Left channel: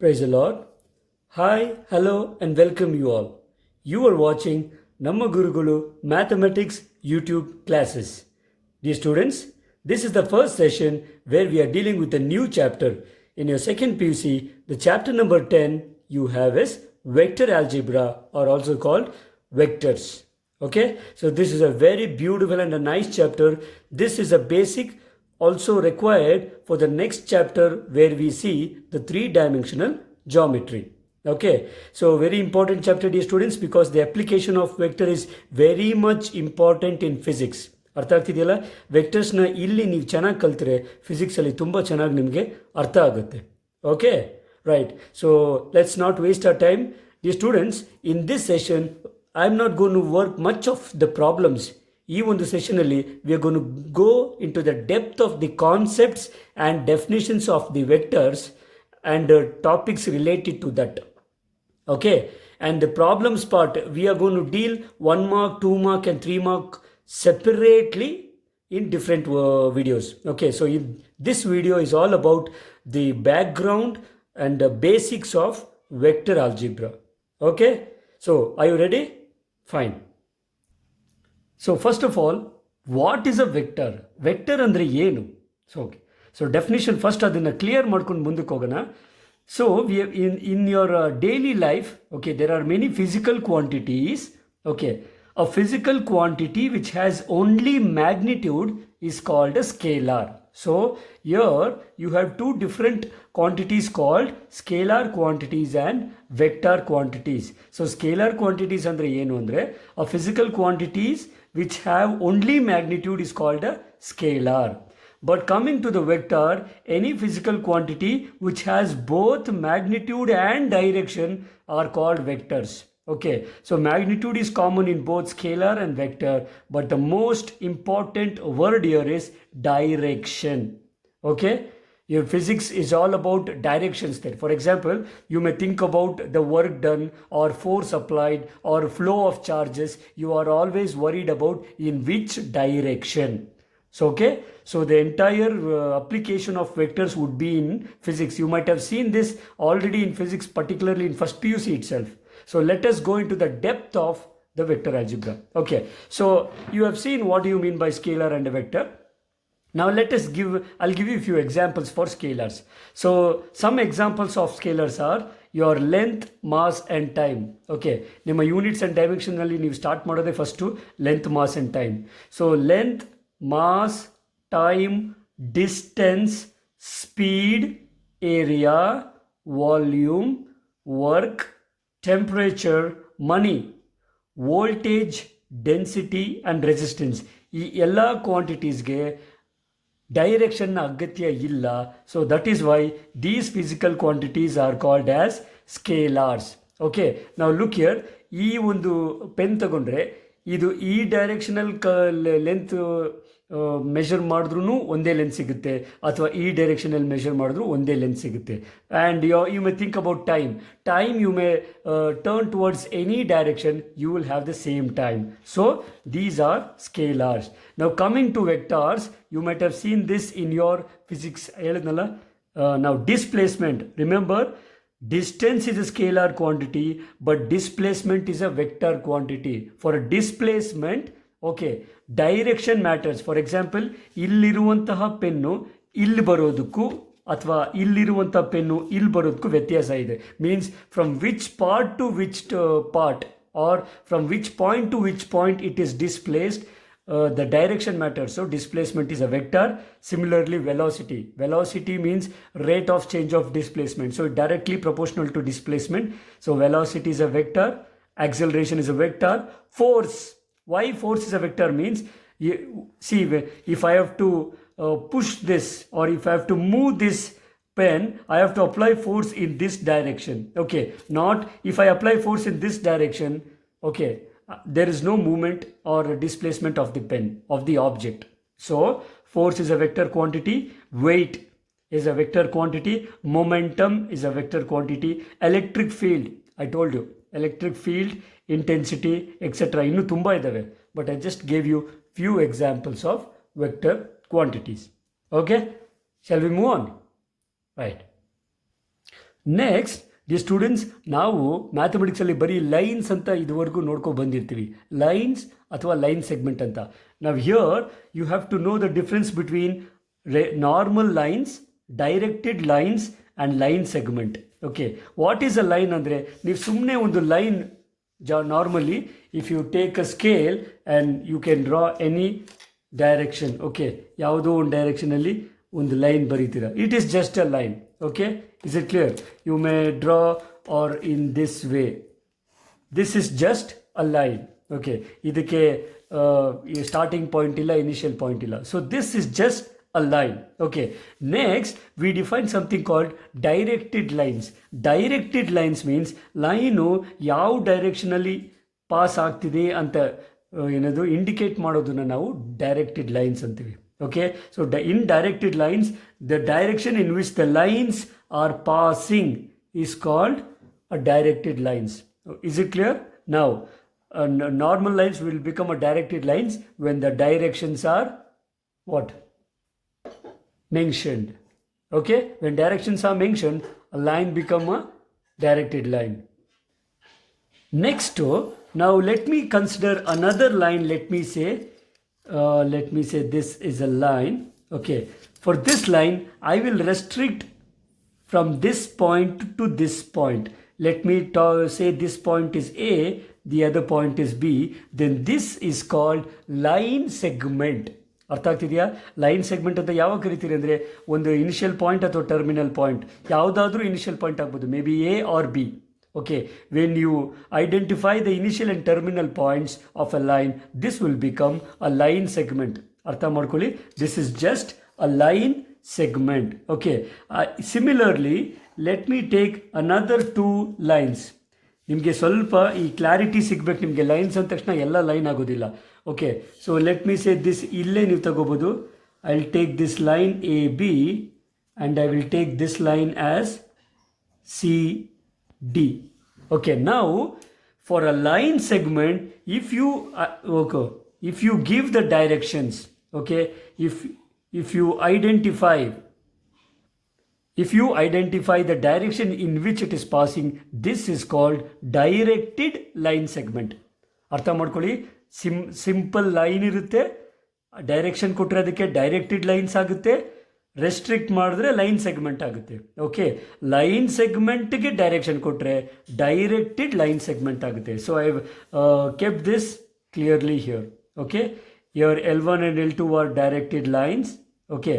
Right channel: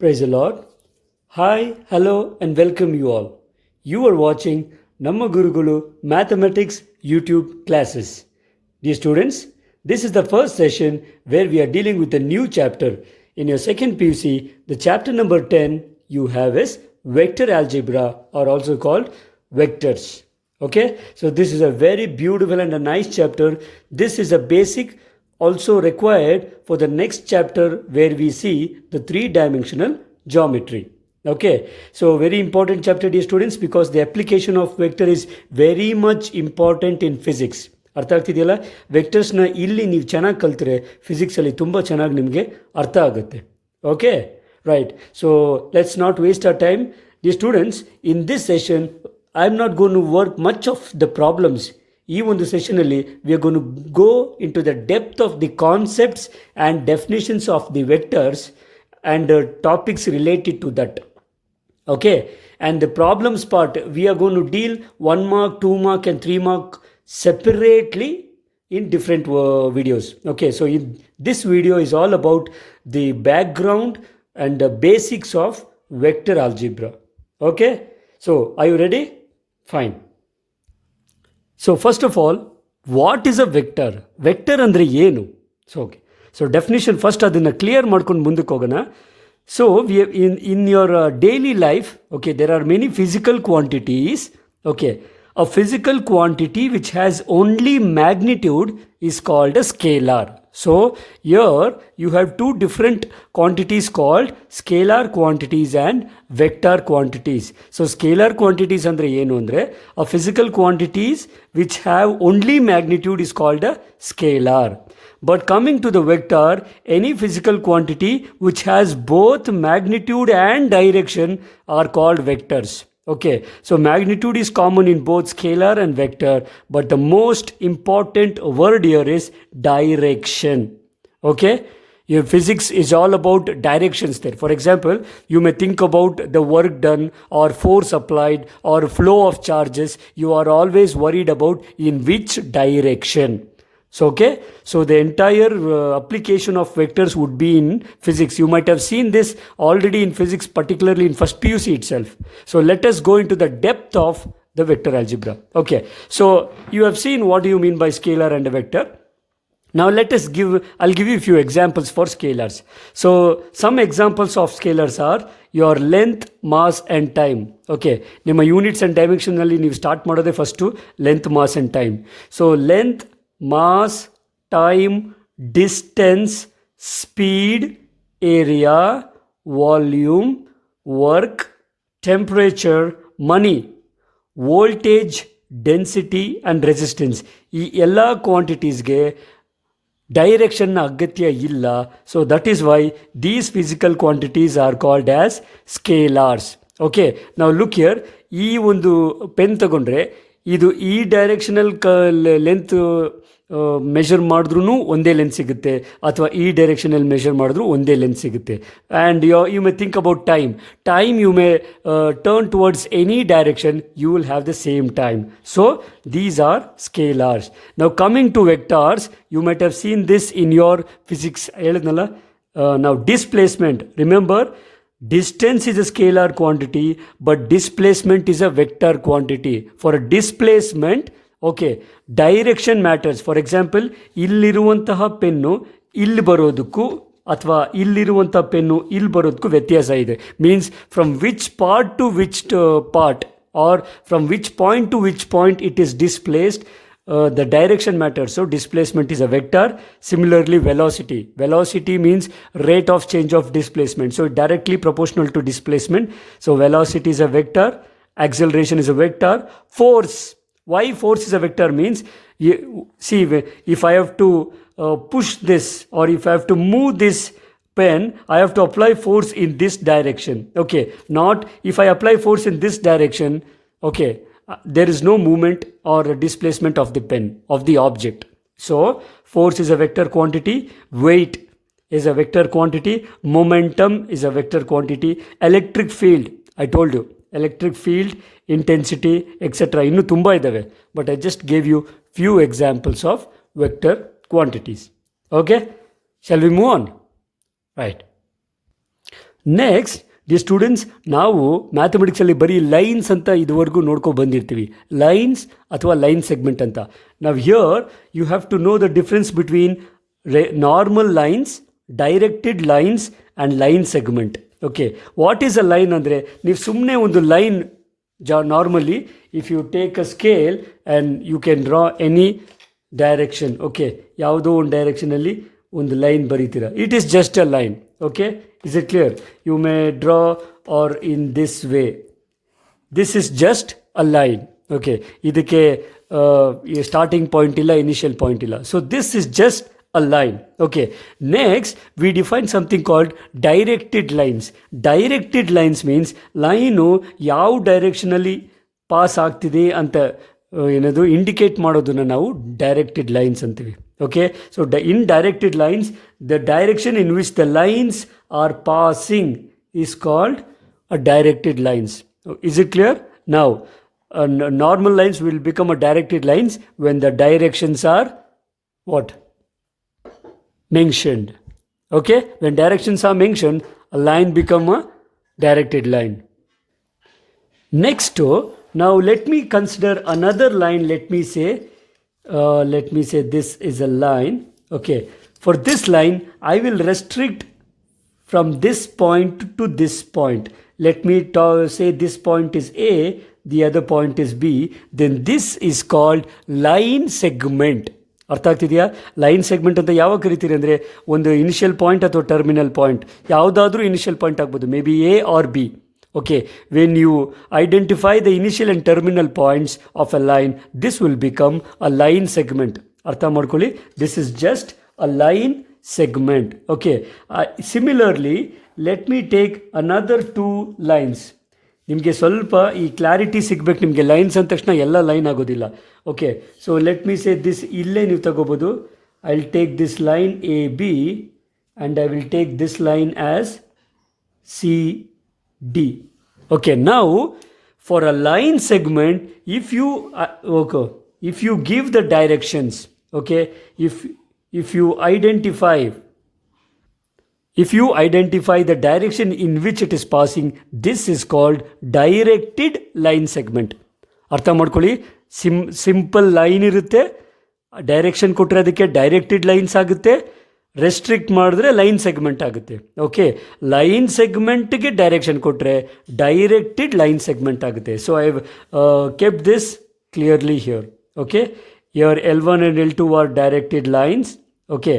Praise the Lord. Hi, hello, and welcome you all. You are watching Namma Gurugulu Mathematics YouTube classes. Dear students, this is the first session where we are dealing with a new chapter. In your second PUC, the chapter number 10 you have is vector algebra, or also called vectors. Okay, so this is a very beautiful and a nice chapter. This is a basic also required for the next chapter where we see the three-dimensional geometry. Okay, so very important chapter, dear students, because the application of vector is very much important in physics. ಅರ್ಥ ಆಗ್ತಿದೆಯಲ್ಲ, ವೆಕ್ಟರ್ಸ್ನ ಇಲ್ಲಿ ನೀವು ಚೆನ್ನಾಗಿ ಕಲ್ತ್ರೆ ಫಿಸಿಕ್ಸಲ್ಲಿ ತುಂಬ ಚೆನ್ನಾಗಿ ನಿಮಗೆ ಅರ್ಥ ಆಗುತ್ತೆ. Okay, right. So let's not waste our time. The students, in this session I am not going to work much of the problems. ಈ ಒಂದು ಸೆಷನಲ್ಲಿ we are going to go into the depth of the concepts and definitions of the vectors and topics related to that. Okay, and the problems part we are going to deal 1 mark, 2 mark and 3 mark separately in different videos. Okay, so this video is all about the background and the basics of vector algebra. Okay, so are you ready? Fine. So first of all, what is a vector? Vector andre ಏನು? So okay, so definition first ಅದನ್ನ clear ಮಾಡ್ಕೊಂಡು ಮುಂದಕ್ಕೆ ಹೋಗೋಣ. So we have in your daily life, okay, there are many physical quantities. Okay, a physical quantity which has only magnitude is called a scalar. So here you have two different quantities called scalar quantities and vector quantities. So scalar quantities andre ಏನು ಅಂದ್ರೆ a physical quantities which have only magnitude is called a scalar. But coming to the vector, any physical quantity which has both magnitude and direction are called vectors. Okay, so magnitude is common in both scalar and vector, but the most important word here is direction. Okay, your physics is all about directions there. For example, you may think about the work done or force applied or flow of charges. You are always worried about in which direction. So okay, so the entire application of vectors would be in physics. You might have seen this already in physics, particularly in first PUC itself. So let us go into the depth of the vector algebra. Okay, so you have seen what do you mean by scalar and a vector. Now I'll give you a few examples for scalars. So some examples of scalars are your length, mass and time. Okay, ನಿಮ್ಮ units and ಡೈಮೆನ್ಷನ್ನಲ್ಲಿ ನೀವು start ಮಾಡೋದೇ first length, mass and time. So length, mass, time, distance, speed, area, volume, work, temperature, money, voltage, density and resistance. ಈ ಎಲ್ಲ ಕ್ವಾಂಟಿಟೀಸ್ಗೆ ಡೈರೆಕ್ಷನ್ನ ಅಗತ್ಯ ಇಲ್ಲ. So that is why these physical quantities are called as scalars. Okay, ನಾವು look here. ಈ ಒಂದು pen ತಗೊಂಡ್ರೆ ಇದು ಈ ಡೈರೆಕ್ಷನಲ್ ಲೆಂತ್ ಮೆಷರ್ ಮಾಡಿದ್ರೂ ಒಂದೇ ಲೆಂತ್ ಸಿಗುತ್ತೆ, ಅಥವಾ ಈ ಡೈರೆಕ್ಷನಲ್ಲಿ ಮೆಷರ್ ಮಾಡಿದ್ರೂ ಒಂದೇ ಲೆಂತ್ ಸಿಗುತ್ತೆ. And you may think about time you may turn towards any direction, you will have the same time. So these are scalars. Now coming to vectors, you might have seen this in your physics. Now displacement, remember, distance is a scalar quantity, but displacement is a vector quantity. For a displacement, okay, direction matters. For example, ಇಲ್ಲಿರುವಂತಹ pen ಇಲ್ಲಿ ಬರೋದಕ್ಕೂ ಅಥವಾ ಇಲ್ಲಿರುವಂಥ pen ಇಲ್ಲಿ ಬರೋದಕ್ಕೂ ವ್ಯತ್ಯಾಸ ಇದೆ. Means from which part two which part or from which point to which point it is displaced, the direction matters. So displacement is a vector. Similarly, velocity means rate of change of displacement, so directly proportional to displacement. So velocity is a vector, acceleration is a vector. Force, why force is a vector means, see, if I have to push this, or if I have to move this pen, I have to apply force in this direction. Okay, not if I apply force in this direction, okay, there is no movement or displacement of the pen, of the object. So force is a vector quantity, weight is a vector quantity, momentum is a vector quantity, electric field, I told you, electric field, intensity, etc. ಇನ್ನೂ ತುಂಬ ಇದ್ದಾವೆ, but I just gave you few examples of vector quantities. Okay, shall we move on? Right. Next the students, ನಾವು ಮ್ಯಾಥಮೆಟಿಕ್ಸಲ್ಲಿ ಬರೀ lines ಅಂತ ಇದುವರೆಗೂ ನೋಡ್ಕೊ ಬಂದಿರ್ತೀವಿ, lines ಅಥವಾ ಲೈನ್ ಸೆಗ್ಮೆಂಟ್ ಅಂತ. ನಾವು here you have to know the difference between normal lines, directed lines and line segment. Okay, what is a line ಅಂದರೆ, ನೀವು ಸುಮ್ಮನೆ ಒಂದು line normally if you take a scale and you can draw any direction. Okay, ಯಾವುದೋ ಒಂದು ಡೈರೆಕ್ಷನಲ್ಲಿ ಒಂದು line ಬರೀತೀರ, it is just a line. Okay, is it clear? You may draw or in this way. This is just a line. Okay, ಇದಕ್ಕೆ starting point ಇಲ್ಲ, initial point ಇಲ್ಲ. So this is just a line. Okay, next we define something called directed lines. Directed lines means line ಯಾವ ಡೈರೆಕ್ಷನಲ್ಲಿ pass ಆಗ್ತಿದೆ ಅಂತ ಏನದು indicate ಮಾಡೋದನ್ನು ನಾವು directed lines ಅಂತೀವಿ. Okay, so in directed lines, the direction in which the lines are passing is called a directed lines. Is it clear? Now, normal lines will become a directed lines when the directions are what? Mentioned. Okay, when directions are mentioned, a line become a directed line. Next, now let me consider another line. Let me say this is a line. Okay, for this line I will restrict from this point to this point. Let me say this point is A, the other point is B. Then this is called line segment. ಅರ್ಥ ಆಗ್ತಿದೆಯಾ? Line segment ಅಂತ ಯಾವಾಗ ಕರಿತೀರಿ ಅಂದರೆ, ಒಂದು initial point ಅಥವಾ terminal point, ಯಾವುದಾದ್ರೂ initial point ಆಗ್ಬೋದು, may be A or B. Okay, when you identify the initial and terminal points of a line, this will become a line segment. ಅರ್ಥ ಮಾಡ್ಕೊಳ್ಳಿ, this is just a line segment. Okay, similarly, let me take another two lines. ನಿಮಗೆ ಸ್ವಲ್ಪ ಈ clarity ಸಿಗಬೇಕು. ನಿಮಗೆ lines ಅಂದ ತಕ್ಷಣ ಎಲ್ಲ ಲೈನ್ ಆಗೋದಿಲ್ಲ. Okay, so let me say this, ಇಲ್ಲೇ ನೀವು ತಗೋಬೋದು. I will take this line A B and I will take this line as C D. Okay, now for a line segment, if you give the directions, okay, if you identify the direction in which it is passing, this is called directed line segment. ಅರ್ಥ ಮಾಡ್ಕೊಳ್ಳಿ, simple line ಇರುತ್ತೆ, direction ಕೊಟ್ಟರೆ ಅದಕ್ಕೆ directed lines ಆಗುತ್ತೆ, restrict ಮಾಡಿದ್ರೆ line segment ಆಗುತ್ತೆ. Okay, line ಸೆಗ್ಮೆಂಟ್ಗೆ direction ಕೊಟ್ಟರೆ ಡೈರೆಕ್ಟೆಡ್ ಲೈನ್ ಸೆಗ್ಮೆಂಟ್ ಆಗುತ್ತೆ. So I kept this clearly here. Okay, your L1 and L2 are directed lines. Okay,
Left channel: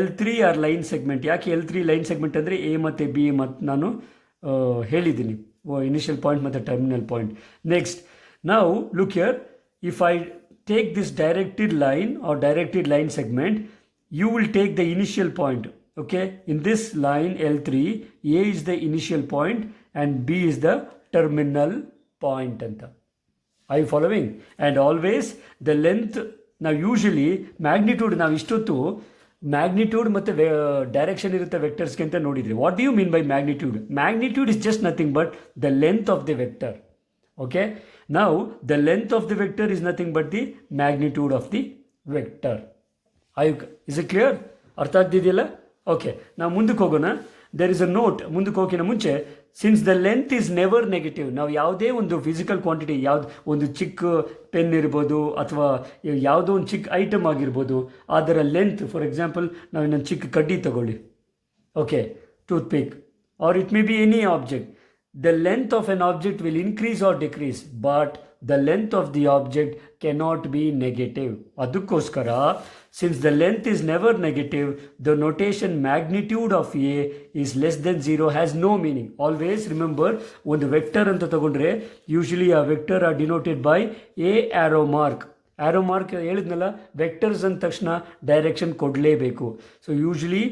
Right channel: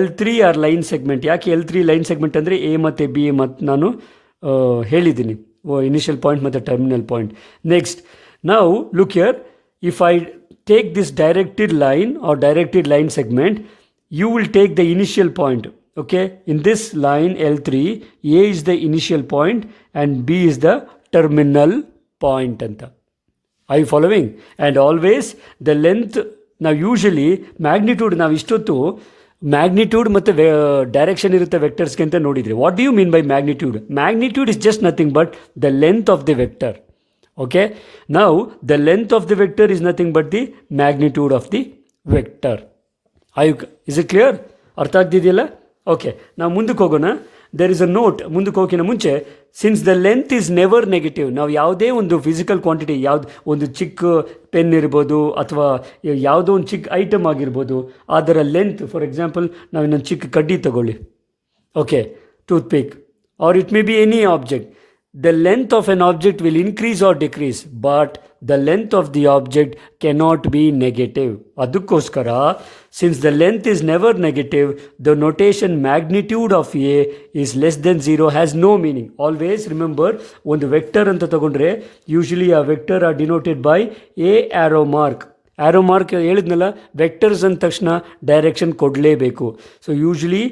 L3 are line segment. ಯಾಕೆ L3 line segment ಅಂದರೆ A ಮತ್ತು B ಮತ್ತು ನಾನು ಹೇಳಿದ್ದೀನಿ, ಇನಿಷಿಯಲ್ ಪಾಯಿಂಟ್ ಮತ್ತು ಟರ್ಮಿನಲ್ ಪಾಯಿಂಟ್. ನೆಕ್ಸ್ಟ್, ನಾವು look here, if I take this directed line or directed line segment, you will take the initial point. Okay, in this line L3, A is the initial point and B is the terminal point anta. Are you following? And always the length, now usually magnitude, ನಾವು ಇಷ್ಟೊತ್ತು magnitude ಮತ್ತು direction ಇರುತ್ತೆ ವೆಕ್ಟರ್ಸ್ಗೆ ಅಂತ ನೋಡಿದ್ರಿ. What do you mean by magnitude? Magnitude is just nothing but the length of the vector. Okay, now the length of the vector is nothing but the magnitude of the vector. Is it clear? ಅರ್ಥ ಆಗ್ತಿದೆಯಲ್ಲ? Okay, ನಾವು ಮುಂದಕ್ಕೆ ಹೋಗೋಣ. There is a note. ಮುಂದಕ್ಕೆ ಹೋಗೋಕ್ಕಿಂತ ಮುಂಚೆ, since the length is never negative, ನಾವು ಯಾವುದೇ ಒಂದು ಫಿಸಿಕಲ್ ಕ್ವಾಂಟಿಟಿ, ಯಾವ್ದು ಒಂದು ಚಿಕ್ಕ ಪೆನ್ ಇರ್ಬೋದು ಅಥವಾ ಯಾವುದೋ ಒಂದು ಚಿಕ್ಕ ಐಟಮ್ ಆಗಿರ್ಬೋದು, ಅದರ ಲೆಂತ್, ಫಾರ್ ಎಕ್ಸಾಂಪಲ್ ನಾವು ಇನ್ನೊಂದು ಚಿಕ್ಕ ಕಡ್ಡಿ ತಗೊಳ್ಳಿ, okay, toothpick, or it may be any object. The length of an object will increase or decrease, but the length of the object cannot be negative. ಅದಕ್ಕೋಸ್ಕರ, since the length is never negative, the notation magnitude of A is less than 0 has no meaning. Always remember, ಒಂದು vector ಅಂತ ತಗೊಂಡ್ರೆ usually ಆ vector are denoted by a arrow mark. Arrow mark ಹೇಳಿದ್ನಲ್ಲ, vectors ಅಂದ ತಕ್ಷಣ direction ಕೊಡಲೇಬೇಕು. So usually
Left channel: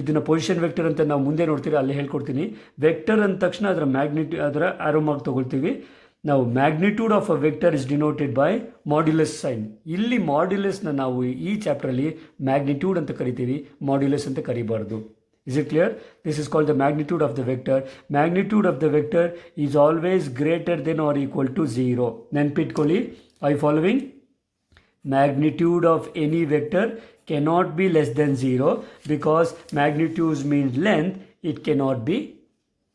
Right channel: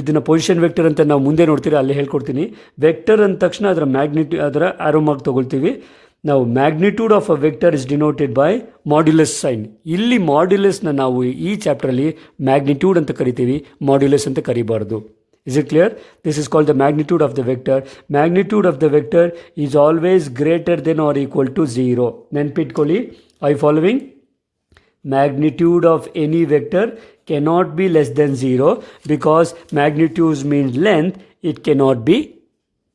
ಇದನ್ನು position vector ಅಂತ ನಾವು ಮುಂದೆ ನೋಡ್ತೀವಿ, ಅಲ್ಲೇ ಹೇಳ್ಕೊಡ್ತೀನಿ. ವೆಕ್ಟರ್ ಅಂದ ತಕ್ಷಣ ಅದರ ಅದರ ಆರೋ ಮಾರ್ಕ್ ತೊಗೊಳ್ತೀವಿ ನಾವು. Magnitude of a vector is denoted by modulus sign. ಇಲ್ಲಿ ಮಾಡ್ಯುಲಸ್ನ ನಾವು ಈ ಚಾಪ್ಟ್ರಲ್ಲಿ ಮ್ಯಾಗ್ನಿಟ್ಯೂಡ್ ಅಂತ ಕರಿತೀವಿ, ಮಾಡ್ಯುಲಸ್ ಅಂತ ಕರಿಬಾರ್ದು. Is it clear? This is called the magnitude of the vector. Magnitude of the vector is always greater than or equal to 0. ನೆನ್ಪಿಟ್ಕೊಳ್ಳಿ, I following. Magnitude of any vector cannot be less than 0 because magnitudes means length, it cannot be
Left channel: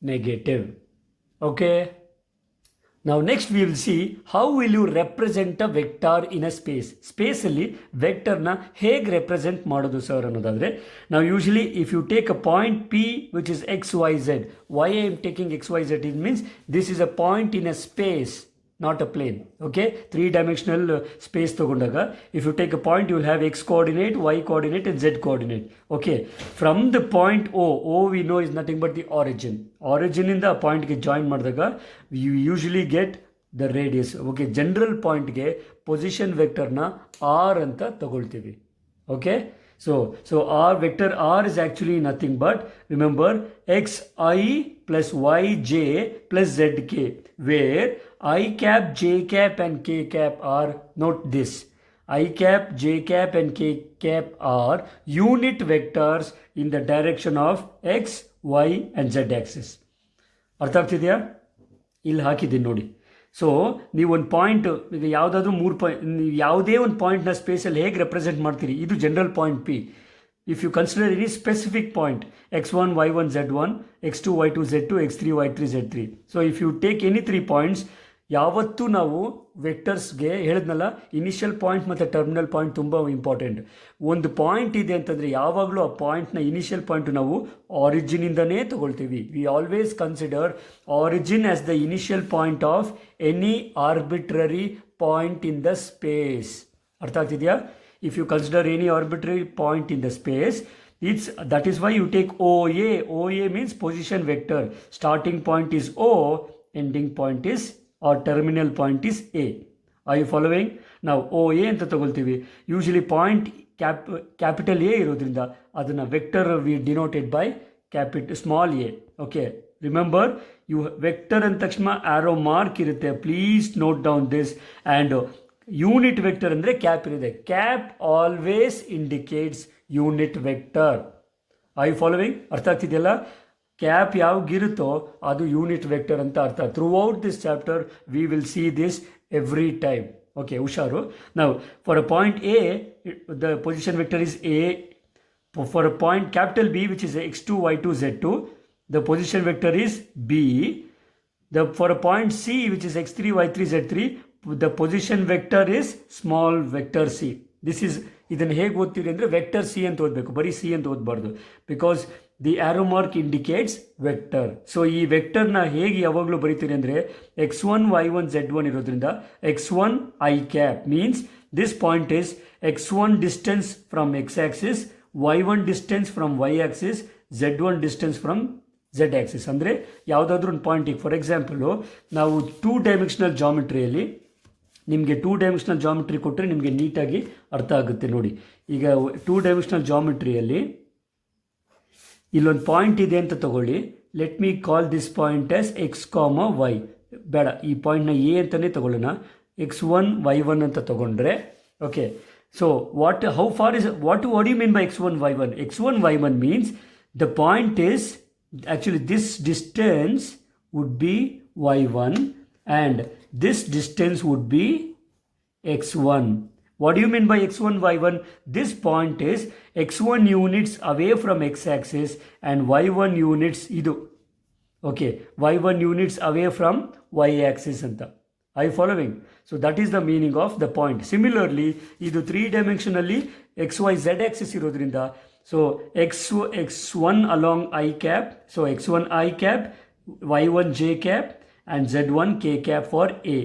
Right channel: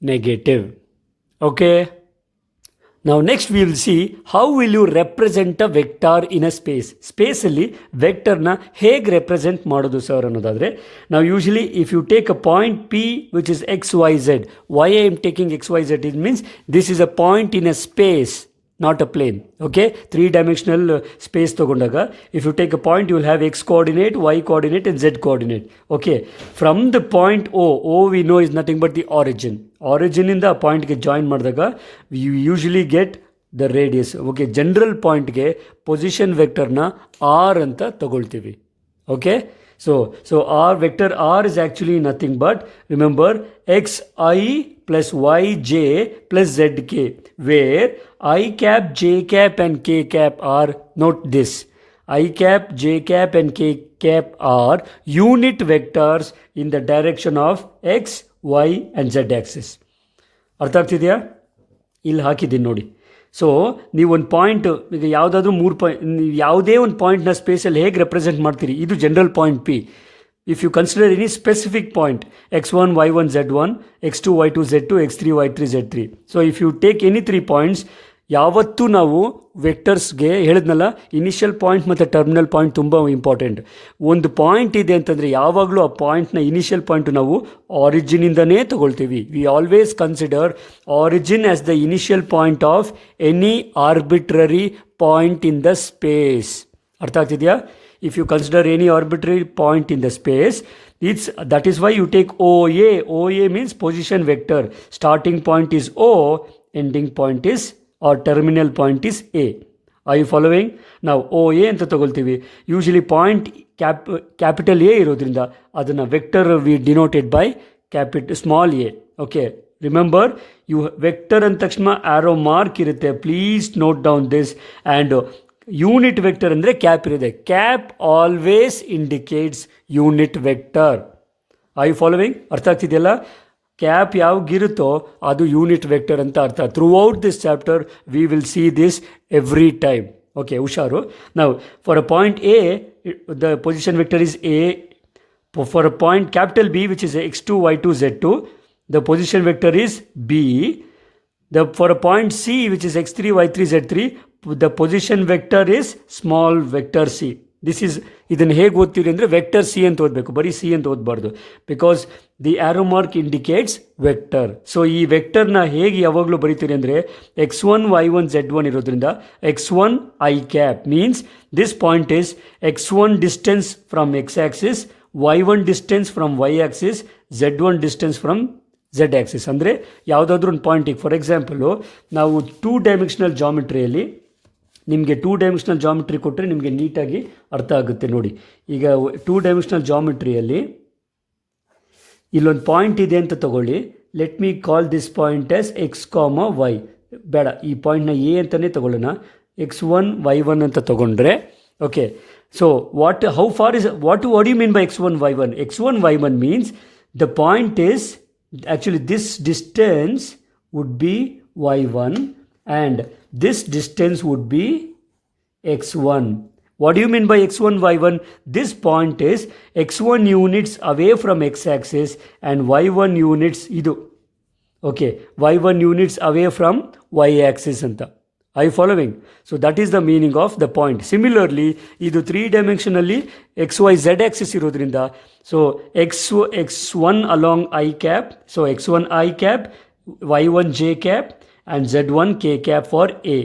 negative. Okay. Now next we will see how will you represent a vector in a space. Space ಅಲ್ಲಿ ವೆಕ್ಟರ್ನ ಹೇಗೆ represent ಮಾಡೋದು sir ಅನ್ನೋದಾದರೆ, ನಾವು usually if you take a point P which is X Y Z, why I am taking X Y Z, it means this is a point in a space, not a plane. Okay, 3-dimensional space ತಗೊಂಡಾಗ if you take a point you will have x coordinate, y coordinate and z coordinate. Okay, from the point O we know is nothing but the origin ಇಂದ ಆ ಪಾಯಿಂಟ್ಗೆ join ಮಾಡಿದಾಗ you usually get the radius. Okay, general ಪಾಯಿಂಟ್ಗೆ position ವೆಕ್ಟರ್ನ r ಅಂತ ತಗೊಳ್ತೀವಿ. Okay, so r vector r is actually nothing but, remember, xi plus yj plus zk, where I cap, j cap and k cap are, note this, I cap, j cap and k cap are unit vectors in the direction of x, y and z axis. ಅರ್ಥ ಆಗ್ತಿದೆಯಾ? ಇಲ್ಲಿ ಹಾಕಿದ್ದೀನಿ ನೋಡಿ. So ನೀವು ಒಂದು point, ಈಗ ಯಾವುದಾದ್ರೂ 3 point, ಯಾವುದೇ ಒಂದು ಪಾಯಿಂಟ್ನ ಸ್ಪೇಸಲ್ಲಿ ಹೇಗೆ ರೆಪ್ರೆಸೆಂಟ್ ಮಾಡ್ತೀರಿ, ಇದು general point P. If you consider any specific point, x1, y1, z1, x2, y2, z2, x3, y3, z3. So if you take any 3 points, ಯಾವತ್ತೂ ನಾವು ವೆಕ್ಟರ್ಸ್ಗೆ ಹೇಳಿದ್ನಲ್ಲ, ಇನಿಷಿಯಲ್ ಪಾಯಿಂಟ್ ಮತ್ತು ಟರ್ಮಿನಲ್ ಪಾಯಿಂಟ್ ತುಂಬ ಇಂಪಾರ್ಟೆಂಟ್. ಒಂದು ಪಾಯಿಂಟ್ ಇದೆ ಅಂತಂದರೆ ಯಾವಾಗಲೂ ಆ ಪಾಯಿಂಟ್ನ ಇನಿಷಿಯಲ್ ಪಾಯಿಂಟು ನಾವು ಆರಿಜಿನಿಂದನೇ ತಗೊಳ್ತೀವಿ. We always consider origin as the initial point of any arbitrary point in the space. ಅರ್ಥ ಆಗ್ತಿದೆಯಾ? If you consider any arbitrary point in the space, that is why you take OA. OA means position vector. Starting point is O, ending point is, or terminal point is A. Are you following? Now OA ಅಂತ ತಗೊಳ್ತೀವಿ. Usually point capital A ಇರೋದ್ರಿಂದ ಅದನ್ನು vector we denoted by small A. Okay, remember, you vector ಅಂದ ತಕ್ಷಣ arrow mark ಇರುತ್ತೆ. Please note down this. And unit vector ಅಂದರೆ cap ಇರುತ್ತೆ. Cap always indicates unit vector. I following? ಅರ್ಥ ಆಗ್ತಿದೆಯಲ್ಲ? Cap ಯಾವಾಗಿರುತ್ತೋ ಅದು ಯೂನಿಟ್ ವೆಕ್ಟರ್ ಅಂತ ಅರ್ಥ. Throughout this chapter we will see this every time. Okay, ಹುಷಾರು. ನಾವು for a point A the position vector is A. For a point capital B which is x2, y2, z2, the position vector is b. For a point c which is x3, y3, z3, the position vector is small vector c. ಇದನ್ನು ಹೇಗೆ ಓದ್ತೀವಿ ಅಂದರೆ vector C ಅಂತ ಓದಬೇಕು, ಬರೀ C ಅಂತ ಓದಬಾರ್ದು. Because the arrow mark indicates vector. So ಈ ವೆಕ್ಟರ್ನ ಹೇಗೆ ಯಾವಾಗಲೂ ಬರೀತೀರಿ ಅಂದರೆ x1, y1, z1 ಇರೋದ್ರಿಂದ x1 i cap means this point is x1 distance from x axis, y1 distance from y axis, z1 distance from z axis. ಅಂದರೆ ಯಾವುದಾದ್ರೂ ಒಂದು ಪಾಯಿಂಟಿಗೆ, for example ನಾವು 2 ಡೈಮೆನ್ಷನಲ್ ಜಾಮೆಟ್ರಿಯಲ್ಲಿ ನಿಮಗೆ 2 ಡೈಮೆನ್ಷನಲ್ ಜಾಮೆಟ್ರಿ ಕೊಟ್ಟರೆ ನಿಮಗೆ ನೀಟಾಗಿ ಅರ್ಥ ಆಗುತ್ತೆ ನೋಡಿ. ಈಗ 2 ಡೈಮೆನ್ಷನಲ್ ಜಾಮೆಟ್ರಿಯಲ್ಲಿ ಇಲ್ಲೊಂದು ಪಾಯಿಂಟ್ ಇದೆ ಅಂತ ತಗೊಳ್ಳಿ. Let me call this point as x, y. ಬೇಡ, ಈ ಪಾಯಿಂಟ್ನ ಎ ಅಂತಲೇ ತಗೊಳ್ಳೋಣ. x1, y1 ಅಂತ ತಗೊಂಡ್ರೆ, okay. So what do you mean by x1, y1? x1, y1 means the point is, actually this distance would be y1 and this distance would be x1. What do you mean by x1, y1? This point is x1 units away from x-axis and y1 units idu. Okay, y1 units away from y-axis anta. Are you following? So that is the meaning of the point. Similarly, idu 3-dimensionally xyz axis irodrinda, so x1 along I cap, so x1 I cap, y1 j cap and z1 k cap for A.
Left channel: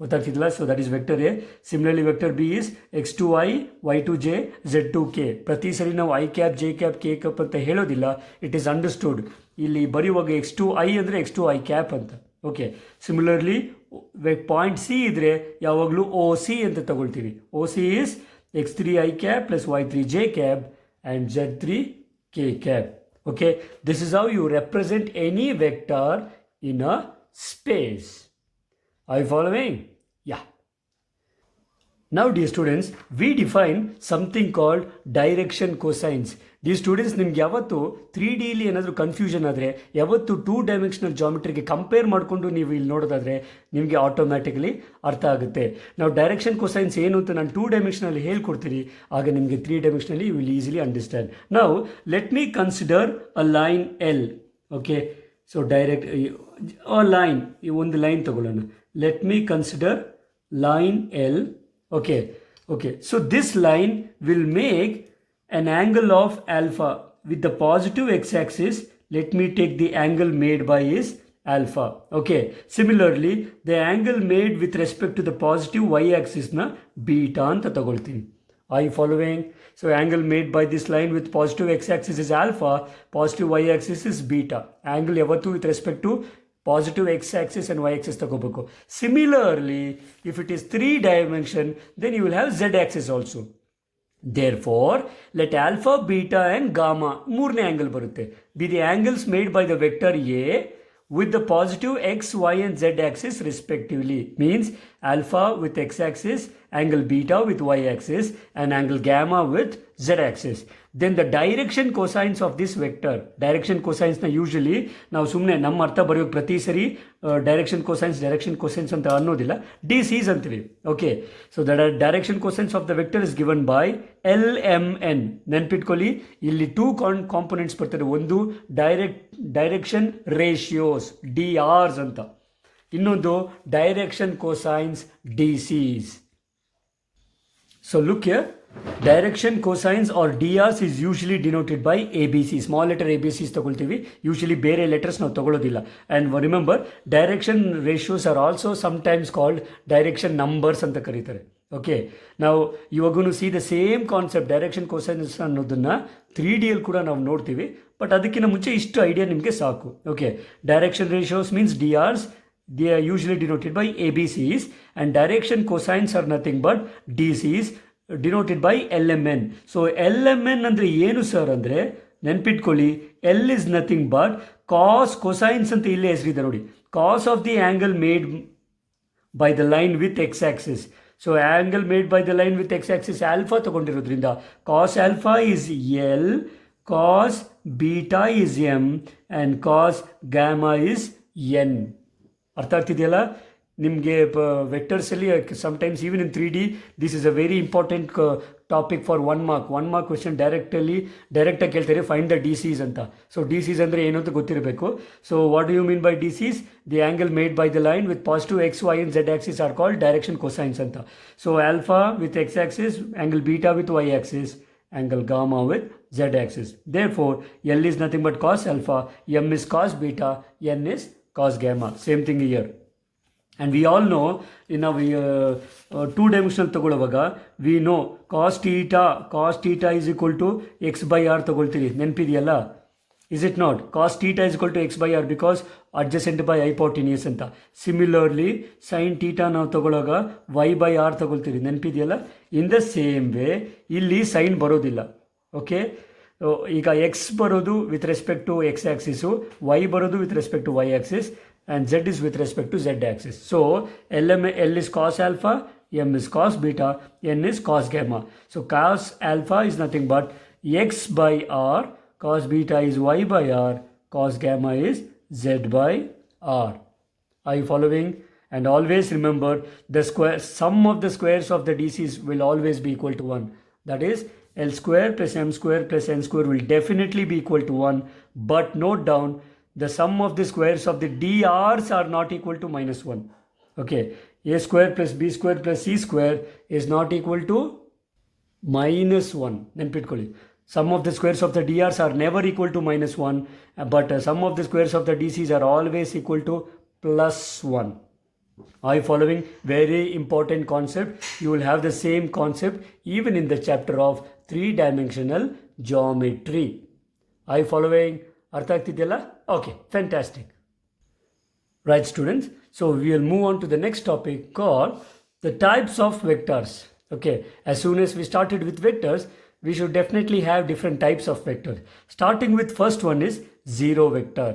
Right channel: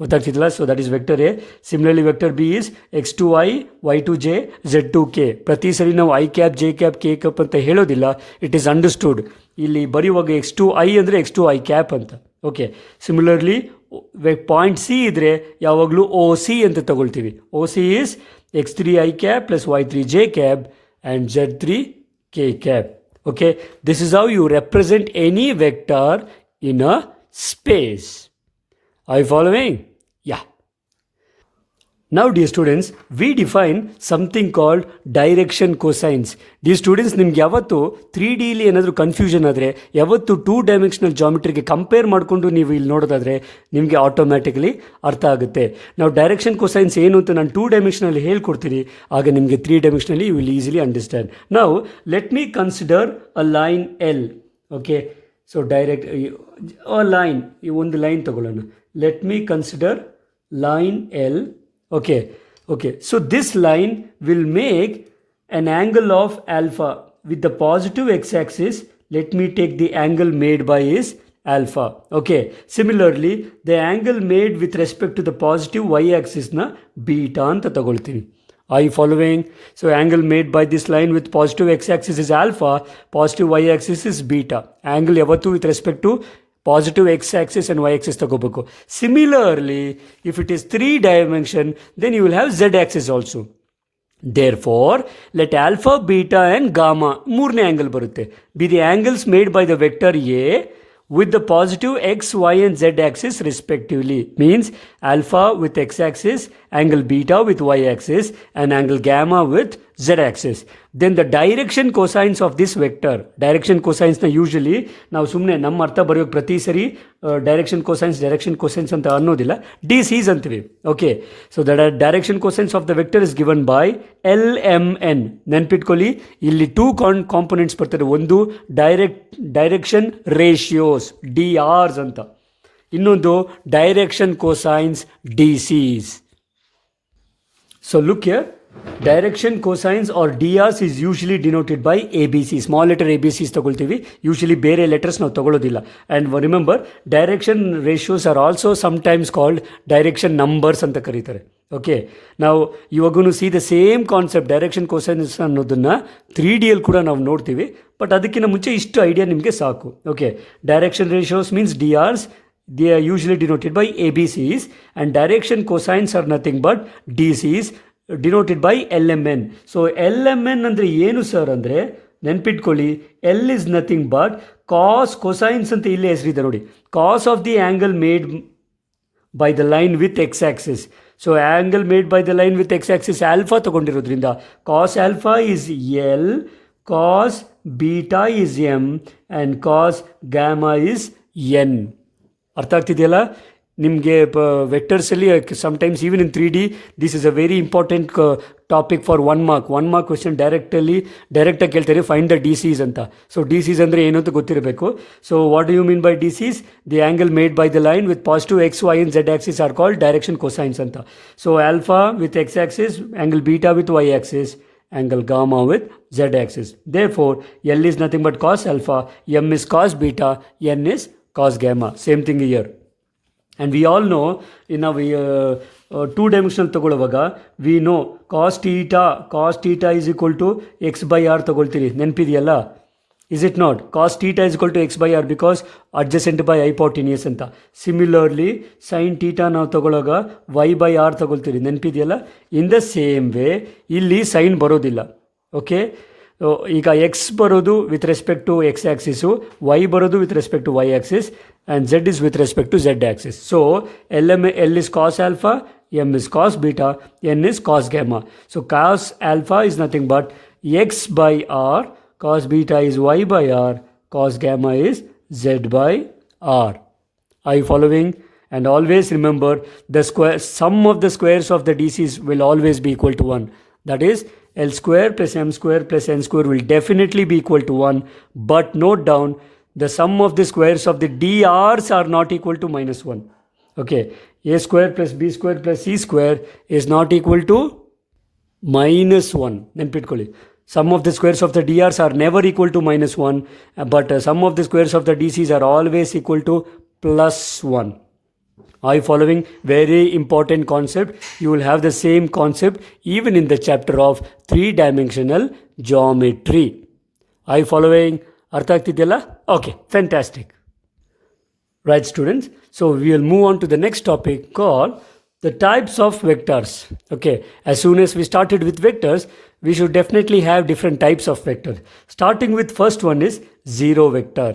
ಗೊತ್ತಾಗ್ತಿಲ್ಲ? So that is vector A. Similarly vector B is x2i, y2j, z2k. ಪ್ರತಿ ಸರಿ ನಾವು I cap, J cap, K cap ಅಂತ ಹೇಳೋದಿಲ್ಲ. It is understood. ಇಲ್ಲಿ ಬರೆಯುವಾಗ x2i ಅಂದರೆ x2i cap ಅಂತ. ಓಕೆ, ಸಿಮಿಲರ್ಲಿ ಪಾಯಿಂಟ್ ಸಿ ಇದ್ದರೆ ಯಾವಾಗಲೂ ಓ ಸಿ ಅಂತ ತಗೊಳ್ತೀವಿ. O C is x3i cap plus y3j cap and z3k cap. Okay, this is how you represent any vector in a space. Are you following? Yeah. Now dear students, we define something called direction cosines. Dear students, ನಿಮ್ಗೆ ಯಾವತ್ತು 3Dಲಿ ಏನಾದರೂ confusion ಆದರೆ, ಯಾವತ್ತು 2 dimensional ಜಾಮೆಟ್ರಿಗೆ compare ಮಾಡಿಕೊಂಡು ನೀವು ಇಲ್ಲಿ ನೋಡೋದಾದರೆ ನಿಮಗೆ ಆಟೋಮ್ಯಾಟಿಕಲಿ ಅರ್ಥ ಆಗುತ್ತೆ. ನಾವು ಡೈರೆಕ್ಷನ್ ಕೊಸೈನ್ಸ್ ಏನು ಅಂತ ನಾನು 2 ಡೈಮೆನ್ಷನಲ್ಲಿ ಹೇಳ್ಕೊಡ್ತೀನಿ, ಆಗ ನಿಮಗೆ 3 dimensionally you will easily understand. ನಾವು let me consider a line L. Okay, so direct line, ಈ ಒಂದು ಲೈನ್ ತಗೊಳ್ಳೋಣ. Let me consider line L. Okay, so this line will make an angle of alpha with the positive x-axis. Let me take the angle made by is alpha. Okay, similarly the angle made with respect to the positive y-axis na beta anta tagoltini. Are you following? So angle made by this line with positive x-axis is alpha, positive y-axis is beta. Angle yavattu with respect to positive x-axis and y-axis ತಗೋಬೇಕು. Similarly, if it is 3 dimension, then you will have z-axis also. Therefore, let alpha, beta and gamma ಮೂರನೇ angle ಬರುತ್ತೆ. Be the angles made by the vector A with the positive x, y and z axis respectively. Means alpha with x axis, angle beta with y axis and angle gamma with z axis. Then the direction cosines of this vector, direction cosines na usually ನಾವು ಸುಮ್ಮನೆ ನಮ್ಮ ಅರ್ಥ ಬರೆಯೋಕೆ ಪ್ರತಿ ಸರಿ direction cosines ಅಂತ ಅನ್ನೋದಿಲ್ಲ, DCs ಅಂತೀವಿ. Okay, so the direction cosines of the vector is given by LMN. ನೆನ್ಪಿಟ್ಕೊಳ್ಳಿ, ಇಲ್ಲಿ 2 ಕಾಂಪೊನೆಂಟ್ಸ್ ಬರ್ತದೆ. ಒಂದು ಡೈರೆಕ್ಷನ್ ರೇಷಿಯೋಸ್ DRs ಅಂತ, ಇನ್ನೊಂದು direction cosines DCs. So look here, direction cosines or DRs is usually denoted by ABC. Small letter ABCs ತಗೊಳ್ತೀವಿ, usually ಬೇರೆ letters ನಾವು ತಗೊಳ್ಳೋದಿಲ್ಲ. And remember, direction ratios are also sometimes called direction numbers ಅಂತ ಕರೀತಾರೆ. Okay, ನಾವು ಇವಾಗೂ see the same concept direction cosines ಅನ್ನೋದನ್ನು 3Dಯಲ್ಲಿ ಕೂಡ ನಾವು ನೋಡ್ತೀವಿ. ಬಟ್ ಅದಕ್ಕಿಂತ ಮುಂಚೆ ಇಷ್ಟು ಐಡಿಯಾ ನಿಮಗೆ ಸಾಕು. Okay, direction ratios means DRs. They are usually denoted by ABCs, and direction cosines are nothing but DCs denoted by LMN. So LMN ಅಂದರೆ ಏನು ಸರ್ ಅಂದರೆ, ನೆನ್ಪಿಟ್ಕೊಳ್ಳಿ, L is nothing but cosines ಅಂತ ಇಲ್ಲೇ ಹೆಸರಿದೆ ನೋಡಿ, cos of the angle made by the line with x-axis. So angle made by the line with x-axis alpha ತಗೊಂಡಿರೋದ್ರಿಂದ cos alpha is L, cos beta is M and cos gamma is N. ಅರ್ಥ ಆಗ್ತಿದೆಯಲ್ಲ ನಿಮಗೆ? ವೆಕ್ಟರ್ಸಲ್ಲಿ sometimes even in 3D this is a very important topic for 1 mark question. ಡೈರೆಕ್ಟಾಗಿ ಕೇಳ್ತಾರೆ find the DCs ಅಂತ. So DCs ಅಂದರೆ ಏನು ಅಂತ ಗೊತ್ತಿರಬೇಕು. So what do you mean by DCs? The angle made by the line with positive x, y and z axis are called direction cosines ಅಂತ. So alpha with x axis, angle beta with y axis, angle gamma with z axis. Therefore L is nothing but cos alpha, M is cos beta, N is cos gamma. Same thing here. And we all know in our 2-dimensional ತಗೊಳ್ಳುವಾಗ we know cos theta is equal to x by r ತಗೊಳ್ತೀರಿ, ನೆನಪಿದೆಯಲ್ಲ? Is it not? Cos theta is equal to x by r because adjacent by hypotenuse ಅಂತ. Similarly sin theta ನಾವು ತಗೊಳ್ಳುವಾಗ y by r ತಗೊಳ್ತೀರಿ, ನೆನಪಿದೆಯಲ್ಲ? In the same way ಇಲ್ಲಿ sign ಬರೋದಿಲ್ಲ. Okay, ಈಗ x ಬರೋದು with respect to x axis, y ಬರೋದು with respect to y axis and z is with respect to z axis. So L is cos alpha, M is cos beta, N is cos gamma. So cos alpha is nothing but x by r, cos beta is y by r, cos gamma is z by r. Are you following? And always remember, the sum of the squares of the DCs will always be equal to 1. That is, L square plus M square plus N square will definitely be equal to 1. But note down, the sum of the squares of the DRs are not equal to -1. Okay, A square plus B square plus C square is not equal to -1. ನೆನ್ಪಿಟ್ಕೊಳ್ಳಿ, sum of the squares of the DRs are never equal to -1, but sum of the squares of the DCs are always equal to +1. Are you following? Very important concept. You will have the same concept even in the chapter of 3-dimensional geometry. Are you following? ಅರ್ಥ ಆಗ್ತಿದೆಯಲ್ಲ? Okay, fantastic. Right students, so we will move on to the next topic call the types of vectors. Okay, as soon as we started with vectors, we should definitely have different types of vectors. Starting with first one is zero vector.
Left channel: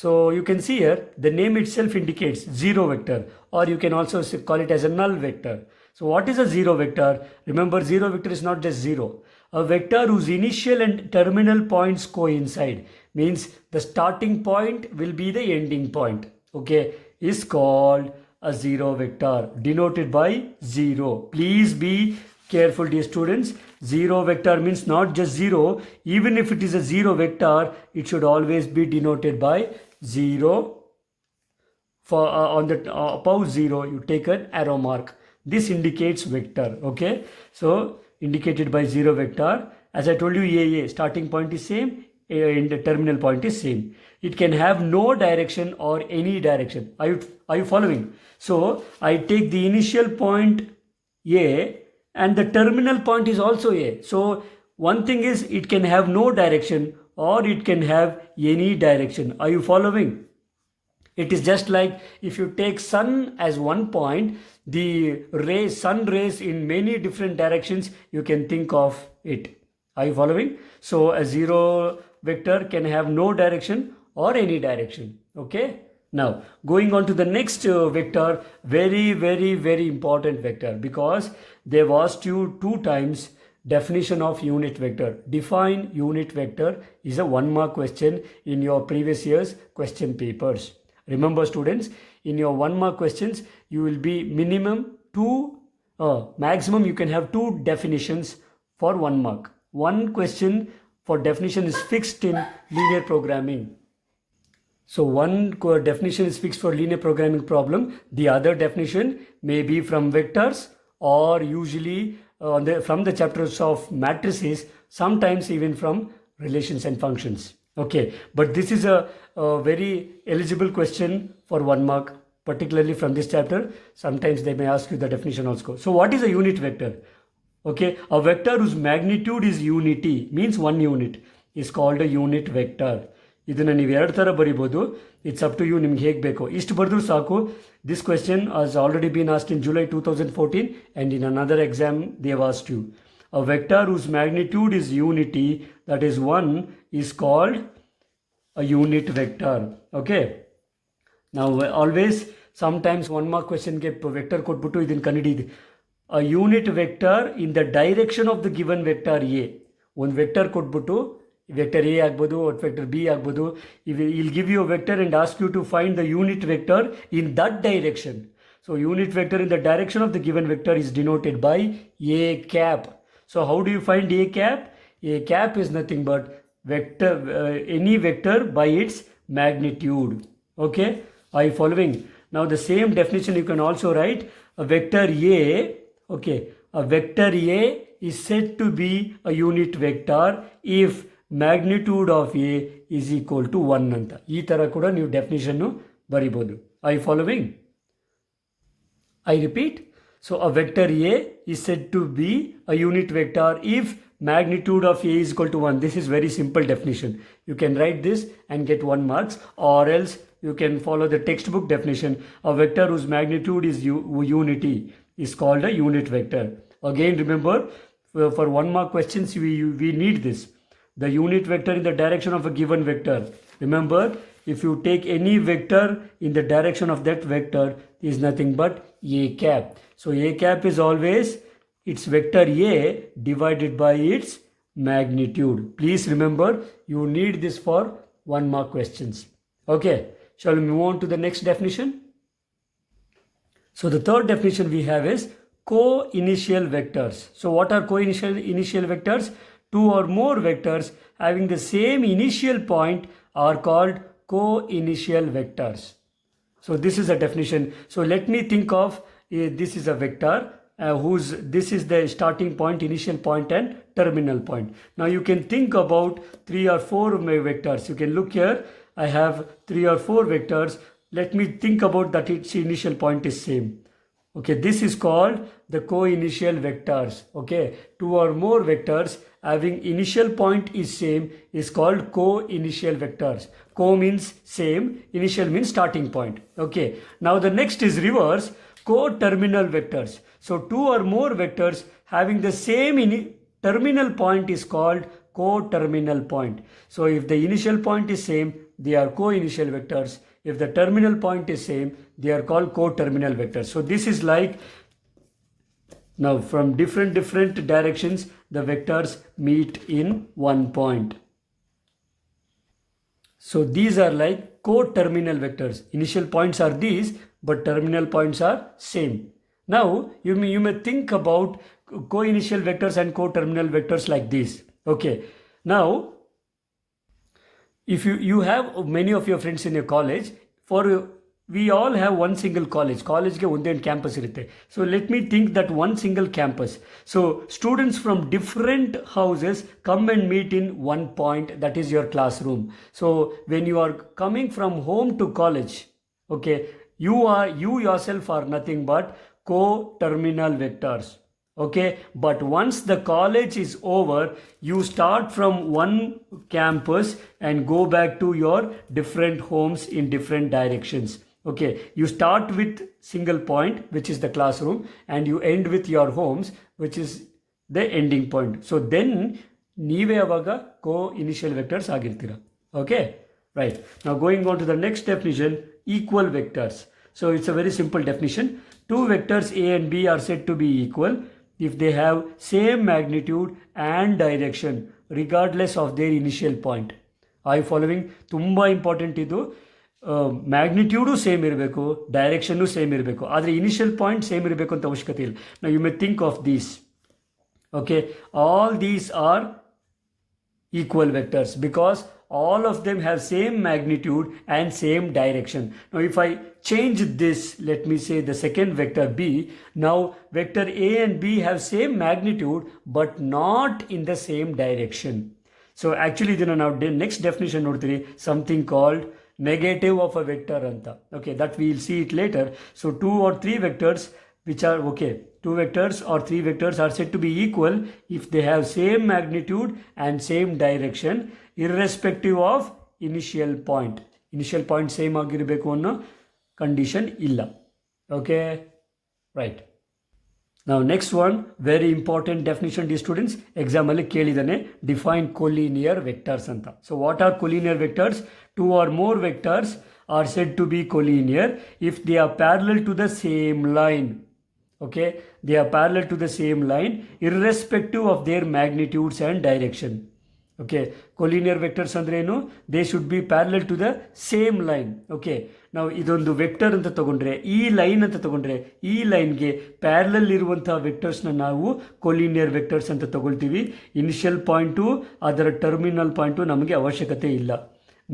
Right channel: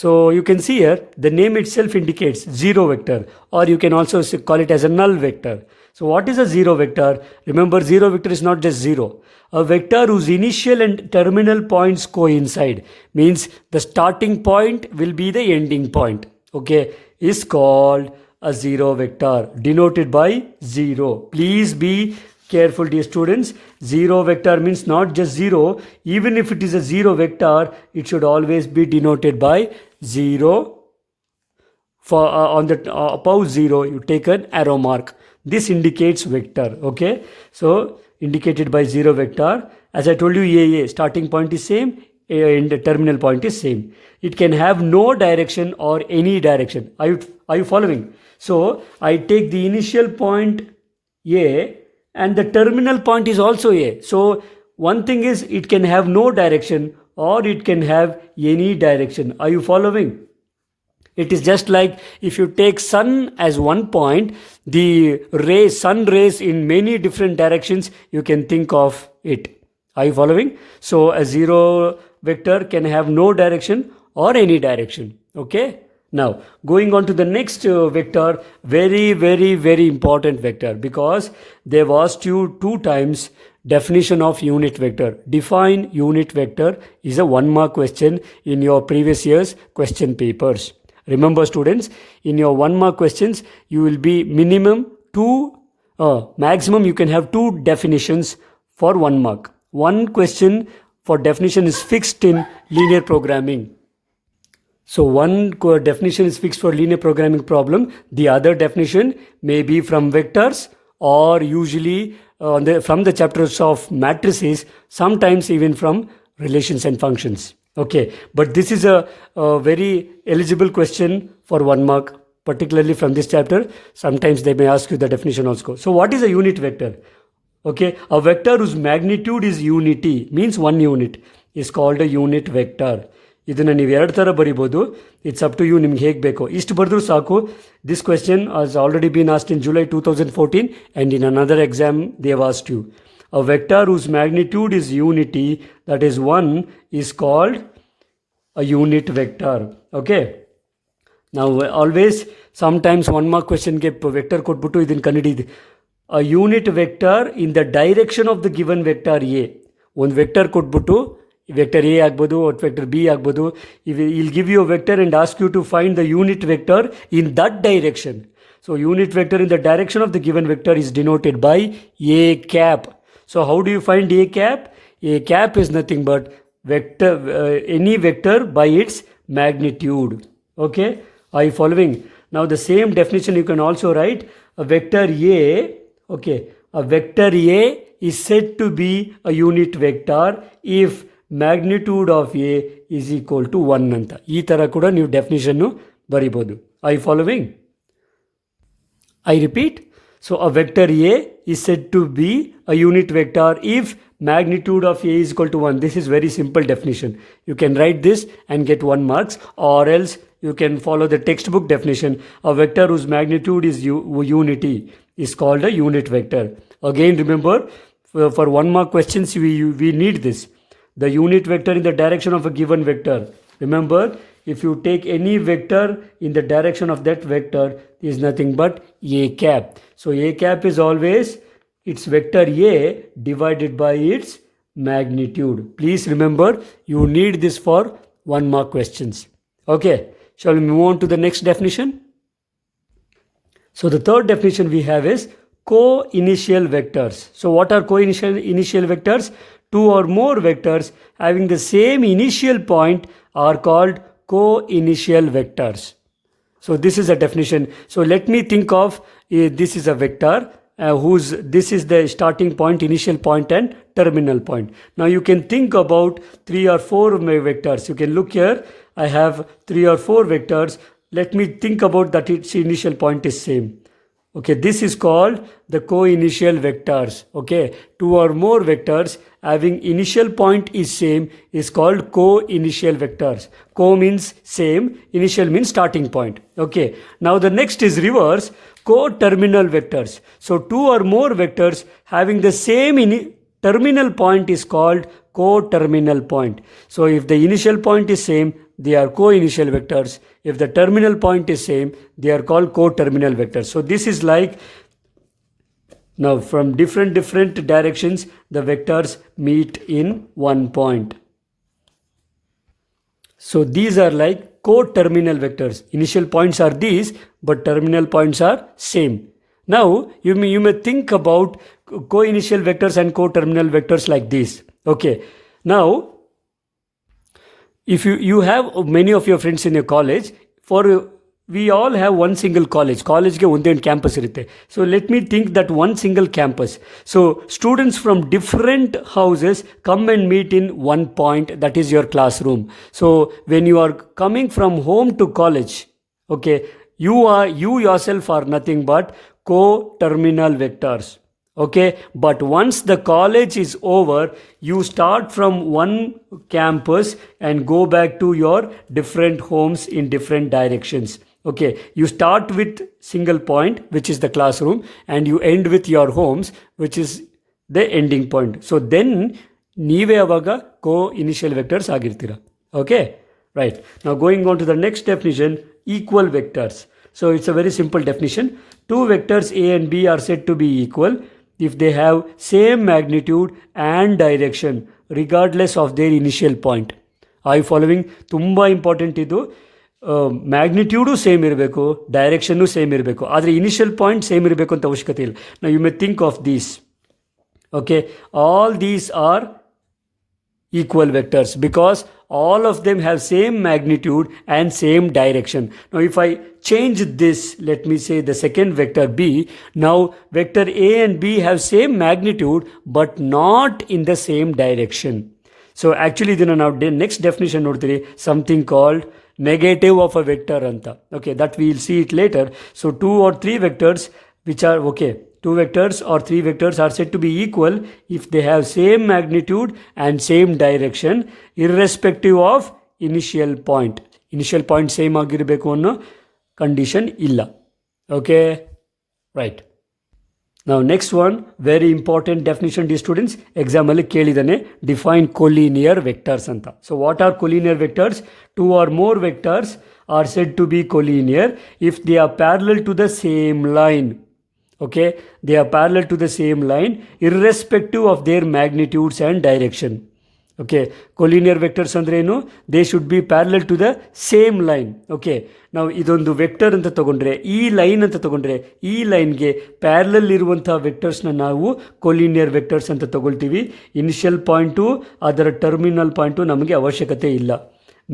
So you can see here the name itself indicates zero vector, or you can also call it as a null vector. So what is a zero vector? Remember, zero vector is not just zero. A vector whose initial and terminal points coincide, means the starting point will be the ending point, okay, is called a zero vector, denoted by 0. Please be careful, dear students. Zero vector means not just zero. Even if it is a zero vector, it should always be denoted by zero. For on the above zero, you take an arrow mark. This indicates vector. Okay, so indicated by zero vector. As I told you, a starting point is same, and the terminal point is same. It can have no direction or any direction. Are you following? So I take the initial point a and the terminal point is also a. So one thing is it can have no direction or it can have any direction. Are you following? It is just like if you take sun as one point, the sun rays in many different directions, you can think of it. Are you following? So a zero vector can have no direction or any direction. Okay. Now going on to the next vector, very, very, very important vector, because they've asked you 2 times definition of unit vector. Define unit vector is a 1 mark question in your previous year's question papers. Remember students, in your 1 mark questions, you will be maximum you can have 2 definitions for 1 mark. One question for definition is fixed in linear programming. So one definition is fixed for linear programming problem. The other definition may be from vectors or usually from the chapters of matrices, sometimes even from relations and functions. Okay, but this is a very eligible question for 1 mark, particularly from this chapter. Sometimes they may ask you the definition also. So what is a unit vector? Okay, a vector whose magnitude is unity, means 1 unit, is called a unit vector. ಇದನ್ನು ನೀವು 2 ಥರ ಬರಿಬೋದು. It's up to you, ನಿಮ್ಗೆ ಹೇಗೆ ಬೇಕೋ ಇಷ್ಟು ಬರೆದ್ರೂ ಸಾಕು. This question has already been asked in July 2014 and in another exam they have asked you. A vector whose magnitude is unity, that is 1, is called a unit vector. Okay. Now always sometimes 1 mark question ಗೆ vector ಕೊಟ್ಬಿಟ್ಟು ಇದನ್ನು ಕಂಡುಹಿಡಿದು a unit vector in the direction of the given vector A. ಒಂದು vector ಕೊಟ್ಬಿಟ್ಟು vector A ಆಗ್ಬೋದು or vector B ಆಗ್ಬೋದು. He'll give you a vector and ask you to find the unit vector in that direction. So unit vector in the direction of the given vector is denoted by A cap. So how do you find A cap? A cap is nothing but vector, any vector by its magnitude. Okay, are you following? Now the same definition you can also write a vector A. Okay, a vector A is said to be a unit vector if magnitude of A is equal to 1 ಅಂತ ಈ ಥರ ಕೂಡ ನೀವು ಡೆಫಿನಿಷನ್ನು ಬರಿಬೋದು. Are you following? I repeat. So a vector A is said to be a unit vector if magnitude of A is equal to 1. This is very simple definition. You can write this and get 1 marks, or else you can follow the textbook definition. A vector whose magnitude is unity is called a unit vector. Again remember, for 1 mark questions we need this. The unit vector in the direction of a given vector. Remember, if you take any vector in the direction of that vector, is nothing but A cap. So A cap is always its vector A divided by its magnitude. Please remember, you need this for 1 mark questions. Okay, shall we move on to the next definition? So the third definition we have is co-initial vectors. So what are co-initial vectors? 2 or more vectors having the same initial point are called co-initial vectors. So this is a definition. So let me think of this is a vector this is the starting point, initial point and terminal point. Now you can think about 3 or 4 vectors. You can look here. I have 3 or 4 vectors. Let me think about that its initial point is same. Okay, this is called the co-initial vectors. Okay, 2 or more vectors having initial point is same is called co-initial vectors. Co means same, initial means starting point. Okay, now the next is reverse, co-terminal vectors. So 2 or more vectors having the same terminal point is called co-terminal point. So if the initial point is same, they are co-initial vectors. If the terminal point is same, they are called co-terminal vectors. So this is like, now from different directions, the vectors meet in one point. So these are like co-terminal vectors. Initial points are these, but terminal points are same. Now, you may think about co-initial vectors and co-terminal vectors like this. Okay. Now, if you have many of your friends in your college, we all have one single college ge one campus irutte. So let me think that one single campus. So students from different houses come and meet in one point, that is your classroom. So when you are coming from home to college, okay, you yourself are nothing but co-terminal vectors. Okay, but once the college is over, you start from one campus and go back to your different homes in different directions. Okay, you start with single point, which is the classroom, and you end with your homes, which is the ending point. So then ನೀವೇ ಅವಾಗ co-initial vectors ಆಗಿರ್ತೀರ. Okay, right. Now going on to the next definition, equal vectors. So it's a very simple definition. Two vectors A and B are said to be equal if they have same magnitude and direction regardless of their initial point. Are you following? ತುಂಬ important ಇದು. Magnitude same ಇರಬೇಕು, direction same ಇರಬೇಕು, ಆದರೆ initial point same ಇರಬೇಕು ಅಂತ ಅವಶ್ಯಕತೆ ಇಲ್ಲ. ನಾವು you may think of these. Okay, all these are equal vectors because all of them have same magnitude and same direction. Now if I change this, let me say the second vector B, now vector A and B have same magnitude but not in the same direction. So actually then now next definition nodtiri, something called negative of a vector anta. Okay, that we will see it later. So two or three vectors which are okay, two vectors or three vectors are said to be equal if they have same magnitude and same direction irrespective of initial point. Initial point same ಆಗಿರಬೇಕು ಅನ್ನೋ condition ಇಲ್ಲ. Okay, right. Now next one, very important definition dear students, exam ಅಲ್ಲಿ ಕೇಳಿದಾನೆ, define collinear vectors ಅಂತ. So what are collinear vectors? Two or more vectors are said to be collinear if they are parallel to the same line. Okay, they are parallel to the same line irrespective of their magnitudes and direction. Okay, collinear vectors ಅಂದ್ರೆ ಏನು? They should be parallel to the same line. Okay, ನಾವು ಇದೊಂದು vector ಅಂತ ತಗೊಂಡ್ರೆ, ಈ line ಅಂತ ತಗೊಂಡ್ರೆ, ಈ ಲೈನ್ಗೆ ಪ್ಯಾರಲಲ್ ಇರುವಂತಹ ವೆಕ್ಟರ್ಸ್ನ ನಾವು ಕೊಲಿನಿಯರ್ ವೆಕ್ಟರ್ಸ್ ಅಂತ ತಗೊಳ್ತೀವಿ. ಇನಿಷಿಯಲ್ ಪಾಯಿಂಟು ಅದರ ಟರ್ಮಿನಲ್ ಪಾಯಿಂಟು ನಮಗೆ ಅವಶ್ಯಕತೆ ಇಲ್ಲ.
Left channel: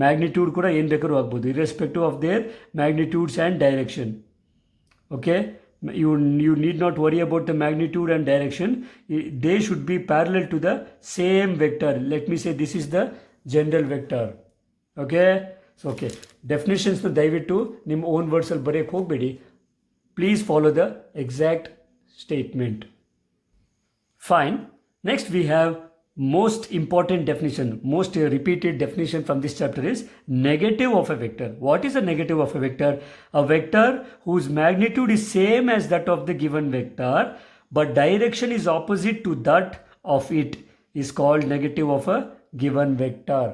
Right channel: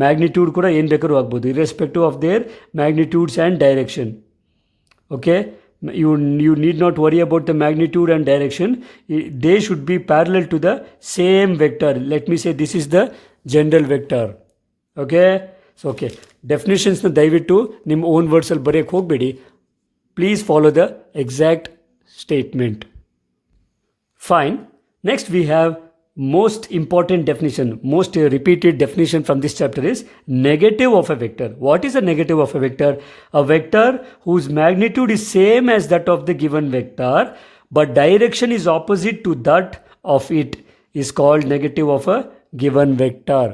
ಮ್ಯಾಗ್ನಿಟ್ಯೂಡ್ ಕೂಡ ಏನು ಬೇಕಾದ್ರೂ ಆಗ್ಬೋದು, irrespective of their magnitudes and direction. Okay, you need not worry about the magnitude and direction. They should be parallel to the same vector. Let me say this is the general vector. Okay, so okay, definitions na dayaviಟ್ಟು ನಿಮ್ಮ own words ಅಲ್ಲಿ ಬರೆಯಕ್ಕೆ ಹೋಗಬೇಡಿ. Please follow the exact statement. Fine. Next we have most important definition, most repeated definition from this chapter is negative of a vector. What is a negative of a vector? A vector whose magnitude is same as that of the given vector but direction is opposite to that of it is called negative of a given vector.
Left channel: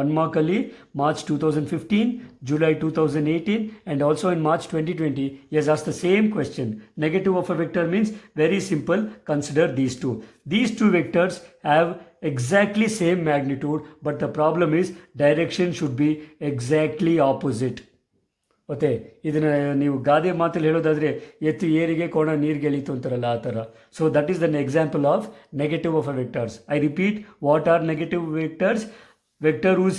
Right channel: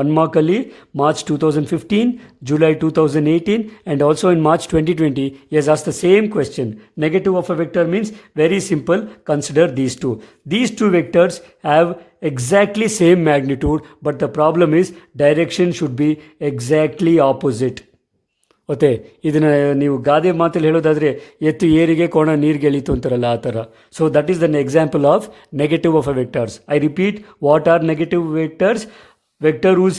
One mark ali March 2015, July 2018 and also in March 2020 he has asked the same question. Negative of a vector means very simple, consider these two. These two vectors have exactly same magnitude but the problem is direction should be exactly opposite. Okay, ಇದನ್ನು ನೀವು ಗಾದೆ ಮಾತಲ್ಲಿ ಹೇಳೋದಾದರೆ ಎತ್ತು ಏರಿಗೆ ಕೋಣ ನೀರಿಗೆ ಎಳೀತು ಅಂತಾರಲ್ಲ ಆ ಥರ. So that is then example of negative of a vectors. I repeat, what are negative vectors? Vector whose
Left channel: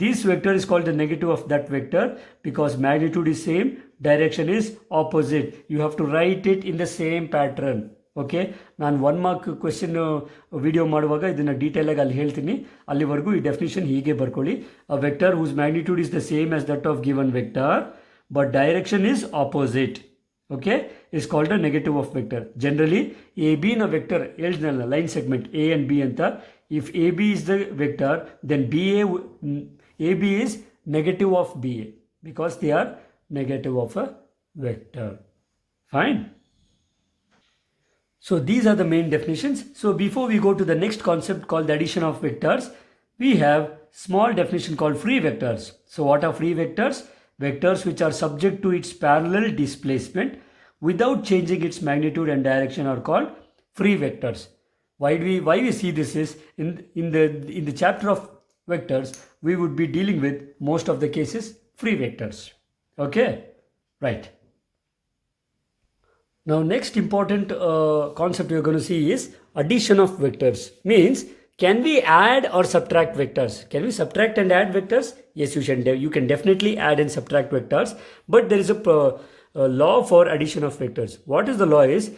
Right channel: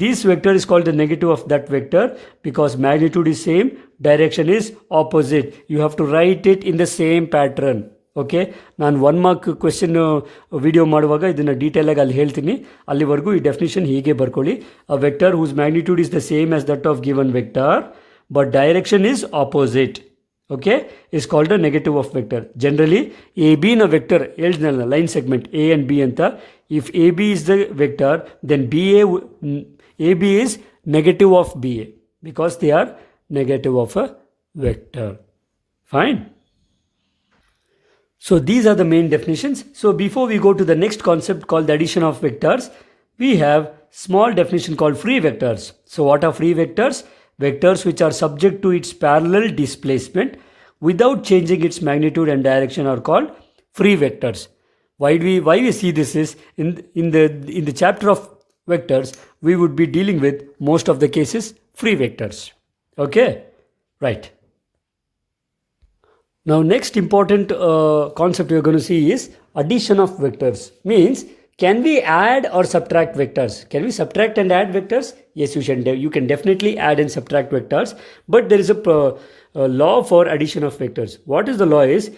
this vector is called the negative of that vector because magnitude is same, direction is opposite. You have to write it in the same pattern. Okay, ನಾನು 1 mark question video ಮಾಡುವಾಗ ಇದನ್ನು ಡೀಟೇಲಾಗಿ ಅಲ್ಲಿ ಹೇಳ್ತೀನಿ. ಅಲ್ಲಿವರೆಗೂ ಈ definition ಹೀಗೆ ಬರ್ಕೊಳ್ಳಿ. A vector whose magnitude is the same as that of given vector but direction is opposite. Okay, is called a negative of vector. Generally A B ನ ವೆಕ್ಟರ್ ಹೇಳಿದ್ನಲ್ಲ, line segment A and B ಅಂತ. If AB is the vector, then AB is negative of BA because they are negative of a vector. Fine. So these are the main definitions. So before we go to the next concept called the addition of vectors, we have small definition called free vectors. So what are free vectors? Vectors which are subject to its parallel displacement without changing its magnitude and direction are called free vectors. Why we see this is in the chapter of vectors we would be dealing with most of the cases free vectors. Okay, right. Now, next important concept we are going to see is addition of vectors. Means, can we add or subtract vectors? Can we subtract and add vectors? Yes, you can definitely add and subtract vectors. But there is a law for addition of vectors. What is the law? Is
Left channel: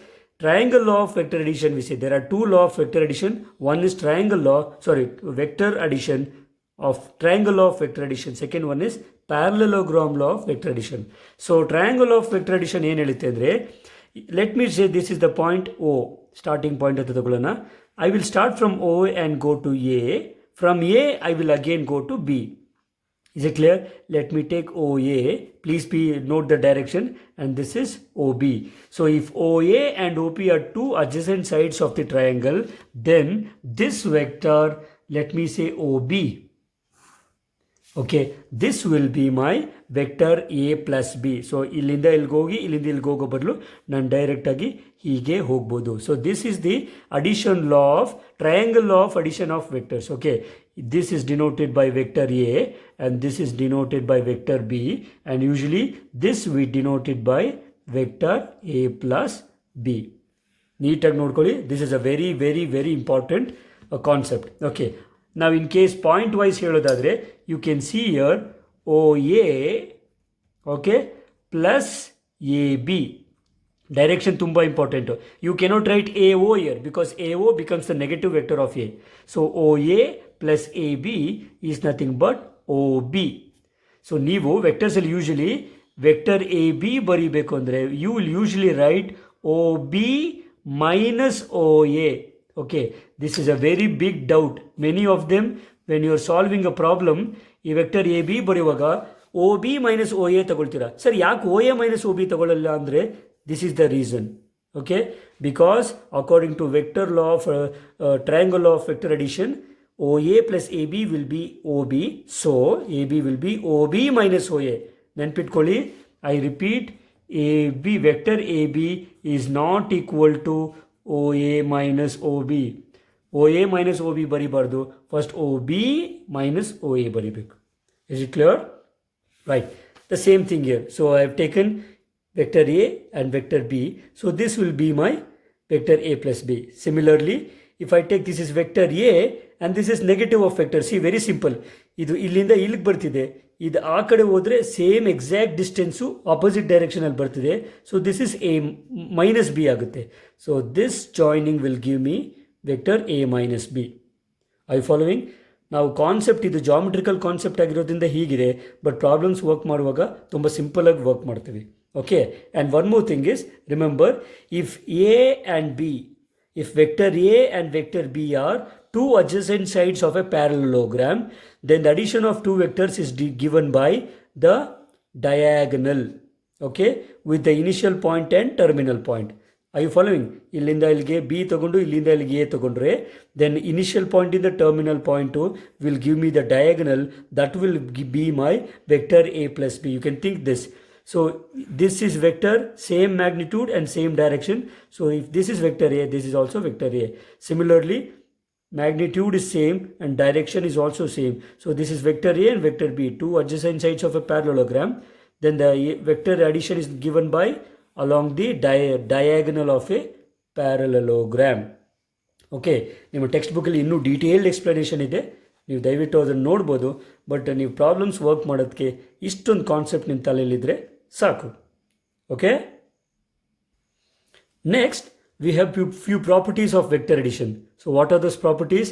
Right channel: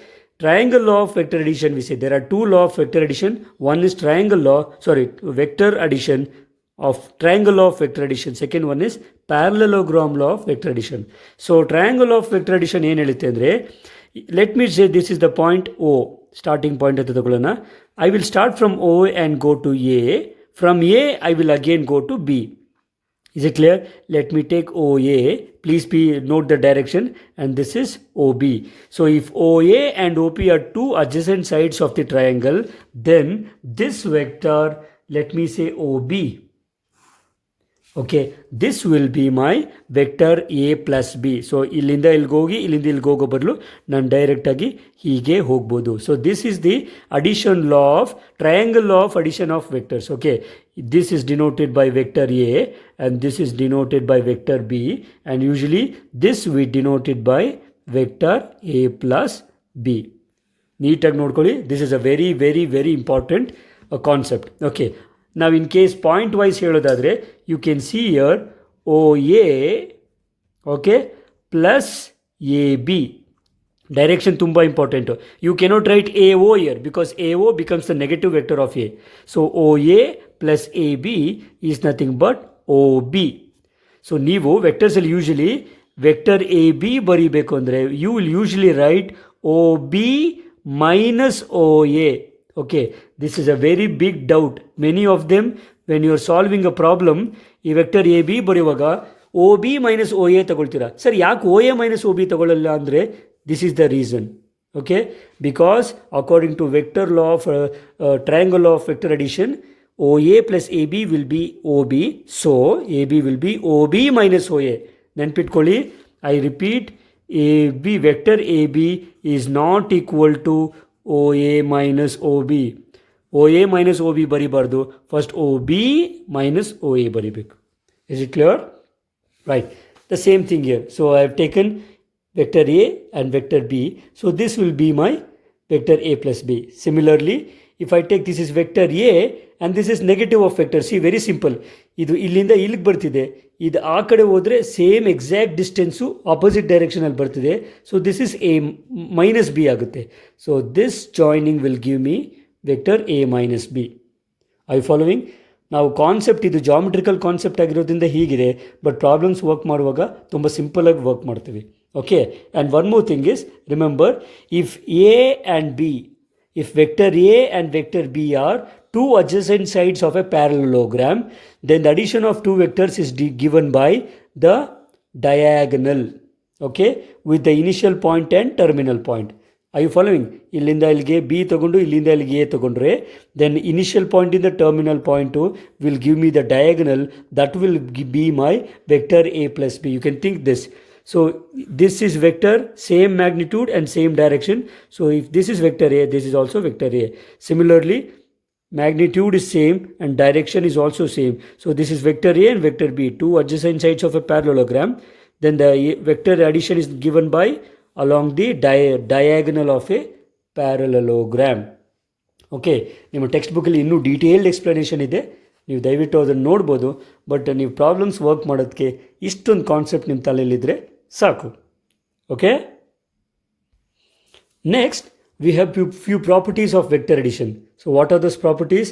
triangle law of vector addition. We say there are two law of vector addition. One is vector addition of triangle law of vector addition. Second one is parallelogram law of vector addition. So triangle law of vector addition ಏನು ಹೇಳುತ್ತೆ ಅಂದರೆ, let me say this is the point O, starting point ಅಂತ ತಗೊಳ್ಳೋಣ. I will start from O and go to A. From A, I will again go to B. Is it clear? Let me take OA. Please note the direction, and this is OB. So if OA and OP are two adjacent sides of the triangle, then this vector, let me say OB. Okay, this will be my vector A plus B. So ಇಲ್ಲಿಂದ ಇಲ್ಲಿಗೆ ಹೋಗಿ ಇಲ್ಲಿಂದ ಇಲ್ಲಿಗೆ ಹೋಗೋ ಬದಲು ನಾನು direct ಆಗಿ ಹೀಗೆ ಹೋಗ್ಬೋದು. So this is the addition law of triangle law of addition of vectors. Okay, this is denoted by vector A and this is denoted by vector B, and usually this we denoted by vector A plus B. ನೀಟಾಗಿ ನೋಡ್ಕೊಳ್ಳಿ, this is a very very very important concept. Okay, now in case point wise ಹೇಳೋದಾದರೆ, you can see here OA, okay, plus AB. Direction ತುಂಬ important. You cannot write AO here because AO becomes the negative vector of A. So OA plus AB is nothing but OB. So ನೀವು ವೆಕ್ಟರ್ಸಲ್ಲಿ usually vector AB ಬರೀಬೇಕು ಅಂದರೆ you will usually write OB minus OA. Okay, this is a very big doubt. Many of them, when you are solving a problem, ಈ vector AB ಬರೆಯುವಾಗ OB minus OA ತಗೊಳ್ತೀರಾ. Sir ಯಾಕೆ OA minus OB ತಗೊಳ್ಳಲ್ಲ ಅಂದರೆ, this is the reason. Okay, because according to vector law of triangle law of vector addition, OA plus AB will be OB. So AB will be OB minus OA. ನೆನ್ಪಿಟ್ಕೊಳ್ಳಿ, I repeat, AB vector AB is not equal to OA minus OB. OA minus OB ಬರಿಬಾರ್ದು, first OB minus OA ಬರಿಬೇಕು. Is it clear? Right. The same thing here. So I have taken vector A and vector B. So this will be my vector A plus B. Similarly, if I take this is vector A and this is negative of vector. See, very simple. ಇದು ಇಲ್ಲಿಂದ ಇಲ್ಲಿಗೆ ಬರ್ತಿದೆ, ಇದು ಆ ಕಡೆ ಹೋದರೆ same exact distance opposite ಡೈರೆಕ್ಷನಲ್ಲಿ ಬರ್ತಿದೆ. So this is A minus B ಆಗುತ್ತೆ. So this joining will give me vector A minus B. I following? ನಾವು ಕಾನ್ಸೆಪ್ಟ್ ಇದು ಜಾಮೆಟ್ರಿಕಲ್ ಕಾನ್ಸೆಪ್ಟ್ ಆಗಿರೋದ್ರಿಂದ ಹೀಗಿದೆ, ಬಟ್ ಪ್ರಾಬ್ಲಮ್ಸ್ ವರ್ಕ್ ಮಾಡುವಾಗ ತುಂಬ ಸಿಂಪಲಾಗಿ ವರ್ಕ್ ಮಾಡ್ತೀವಿ. Okay, and one more thing is, remember, if A and B, if vector A and vector B are two adjacent sides of a parallelogram, then the addition of two vectors is given by the diagonal, okay, with the initial point and terminal point. Are you following? ಇಲ್ಲಿಂದ ಇಲ್ಲಿಗೆ B ತಗೊಂಡು ಇಲ್ಲಿಂದ ಇಲ್ಲಿಗೆ A ತಗೊಂಡ್ರೆ, then initial point in the terminal point will give me the diagonal that will be my vector A plus B. You can think this. So this is vector, same magnitude and same direction. So if this is vector A, this is also vector A. Similarly, magnitude is same and direction is also same. So this is vector A and vector B, two adjacent sides of a parallelogram. Then the vector addition is given by along the diagonal of a parallelogram. Okay, ನಿಮ್ಮ text ಬುಕ್ಕಲ್ಲಿ ಇನ್ನೂ detailed explanation ಇದೆ, ನೀವು ದಯವಿಟ್ಟು ಅದನ್ನು ನೋಡ್ಬೋದು. But ನೀವು problems work ಮಾಡೋದಕ್ಕೆ ಇಷ್ಟೊಂದು ಕಾನ್ಸೆಪ್ಟ್ ನಿಮ್ಮ ತಲೆಯಲ್ಲಿದ್ದರೆ ಸಾಕು. Okay, next we have few properties of vector addition. So what are those properties?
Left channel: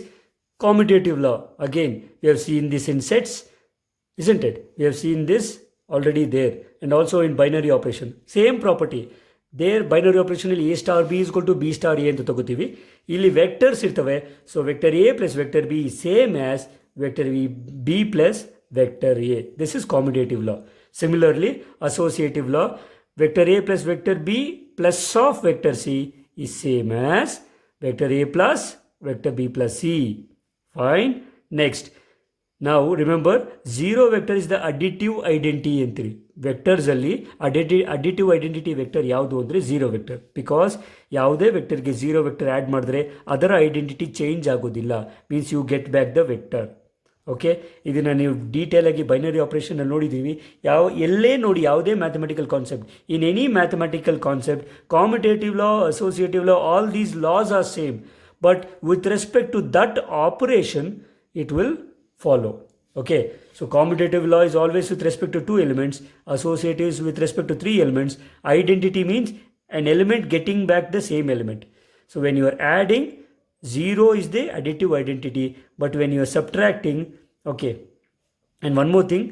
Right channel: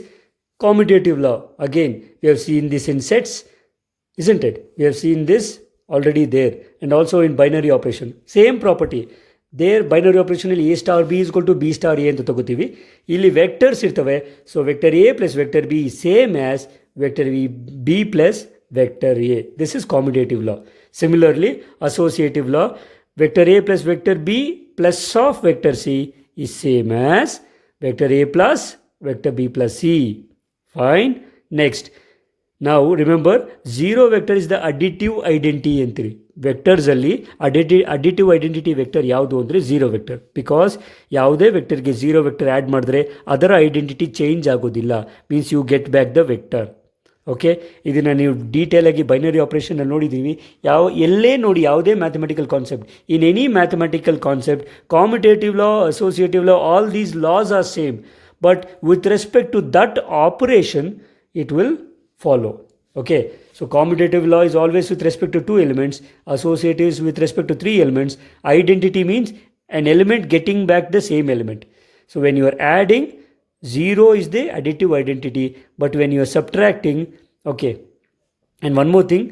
Commutative law. Again, we have seen this in sets, isn't it? We have seen this already there, and also in binary operation. Same property. There binary operation ಇಲ್ಲಿ A star B is equal to B star A ಅಂತ ತಗೋತೀವಿ. ಇಲ್ಲಿ vectors ಇರ್ತವೆ. So vector A plus vector B is same as vector B plus vector A. This is commutative law. Similarly, associative law, vector A plus vector B plus of vector C is same as vector A plus vector B plus C. Fine. Next, now remember, zero vector is the additive identity ಅಂತೀರಿ. ವೆಕ್ಟರ್ಸಲ್ಲಿ additive identity vector ಯಾವುದು ಅಂದರೆ zero vector. Because ಯಾವುದೇ ವೆಕ್ಟರ್ಗೆ zero vector add ಮಾಡಿದ್ರೆ ಅದರ identity change ಆಗೋದಿಲ್ಲ. Means you get back the vector. Okay, ಇದನ್ನು ನೀವು detail ಆಗಿ ಬೈನರಿ ಆಪರೇಷನಲ್ಲಿ ನೋಡಿದ್ದೀವಿ. ಎಲ್ಲೇ ನೋಡಿ ಯಾವುದೇ mathematical concept, in any mathematical concept, commutative law, associative law, all these laws are same, but with respect to that operation it will follow. Okay, so commutative law is always with respect to two elements, associative is with respect to three elements, identity means an element getting back the same element. So when you are adding, 0 is the additive identity, but when you are subtracting, okay. And one more thing,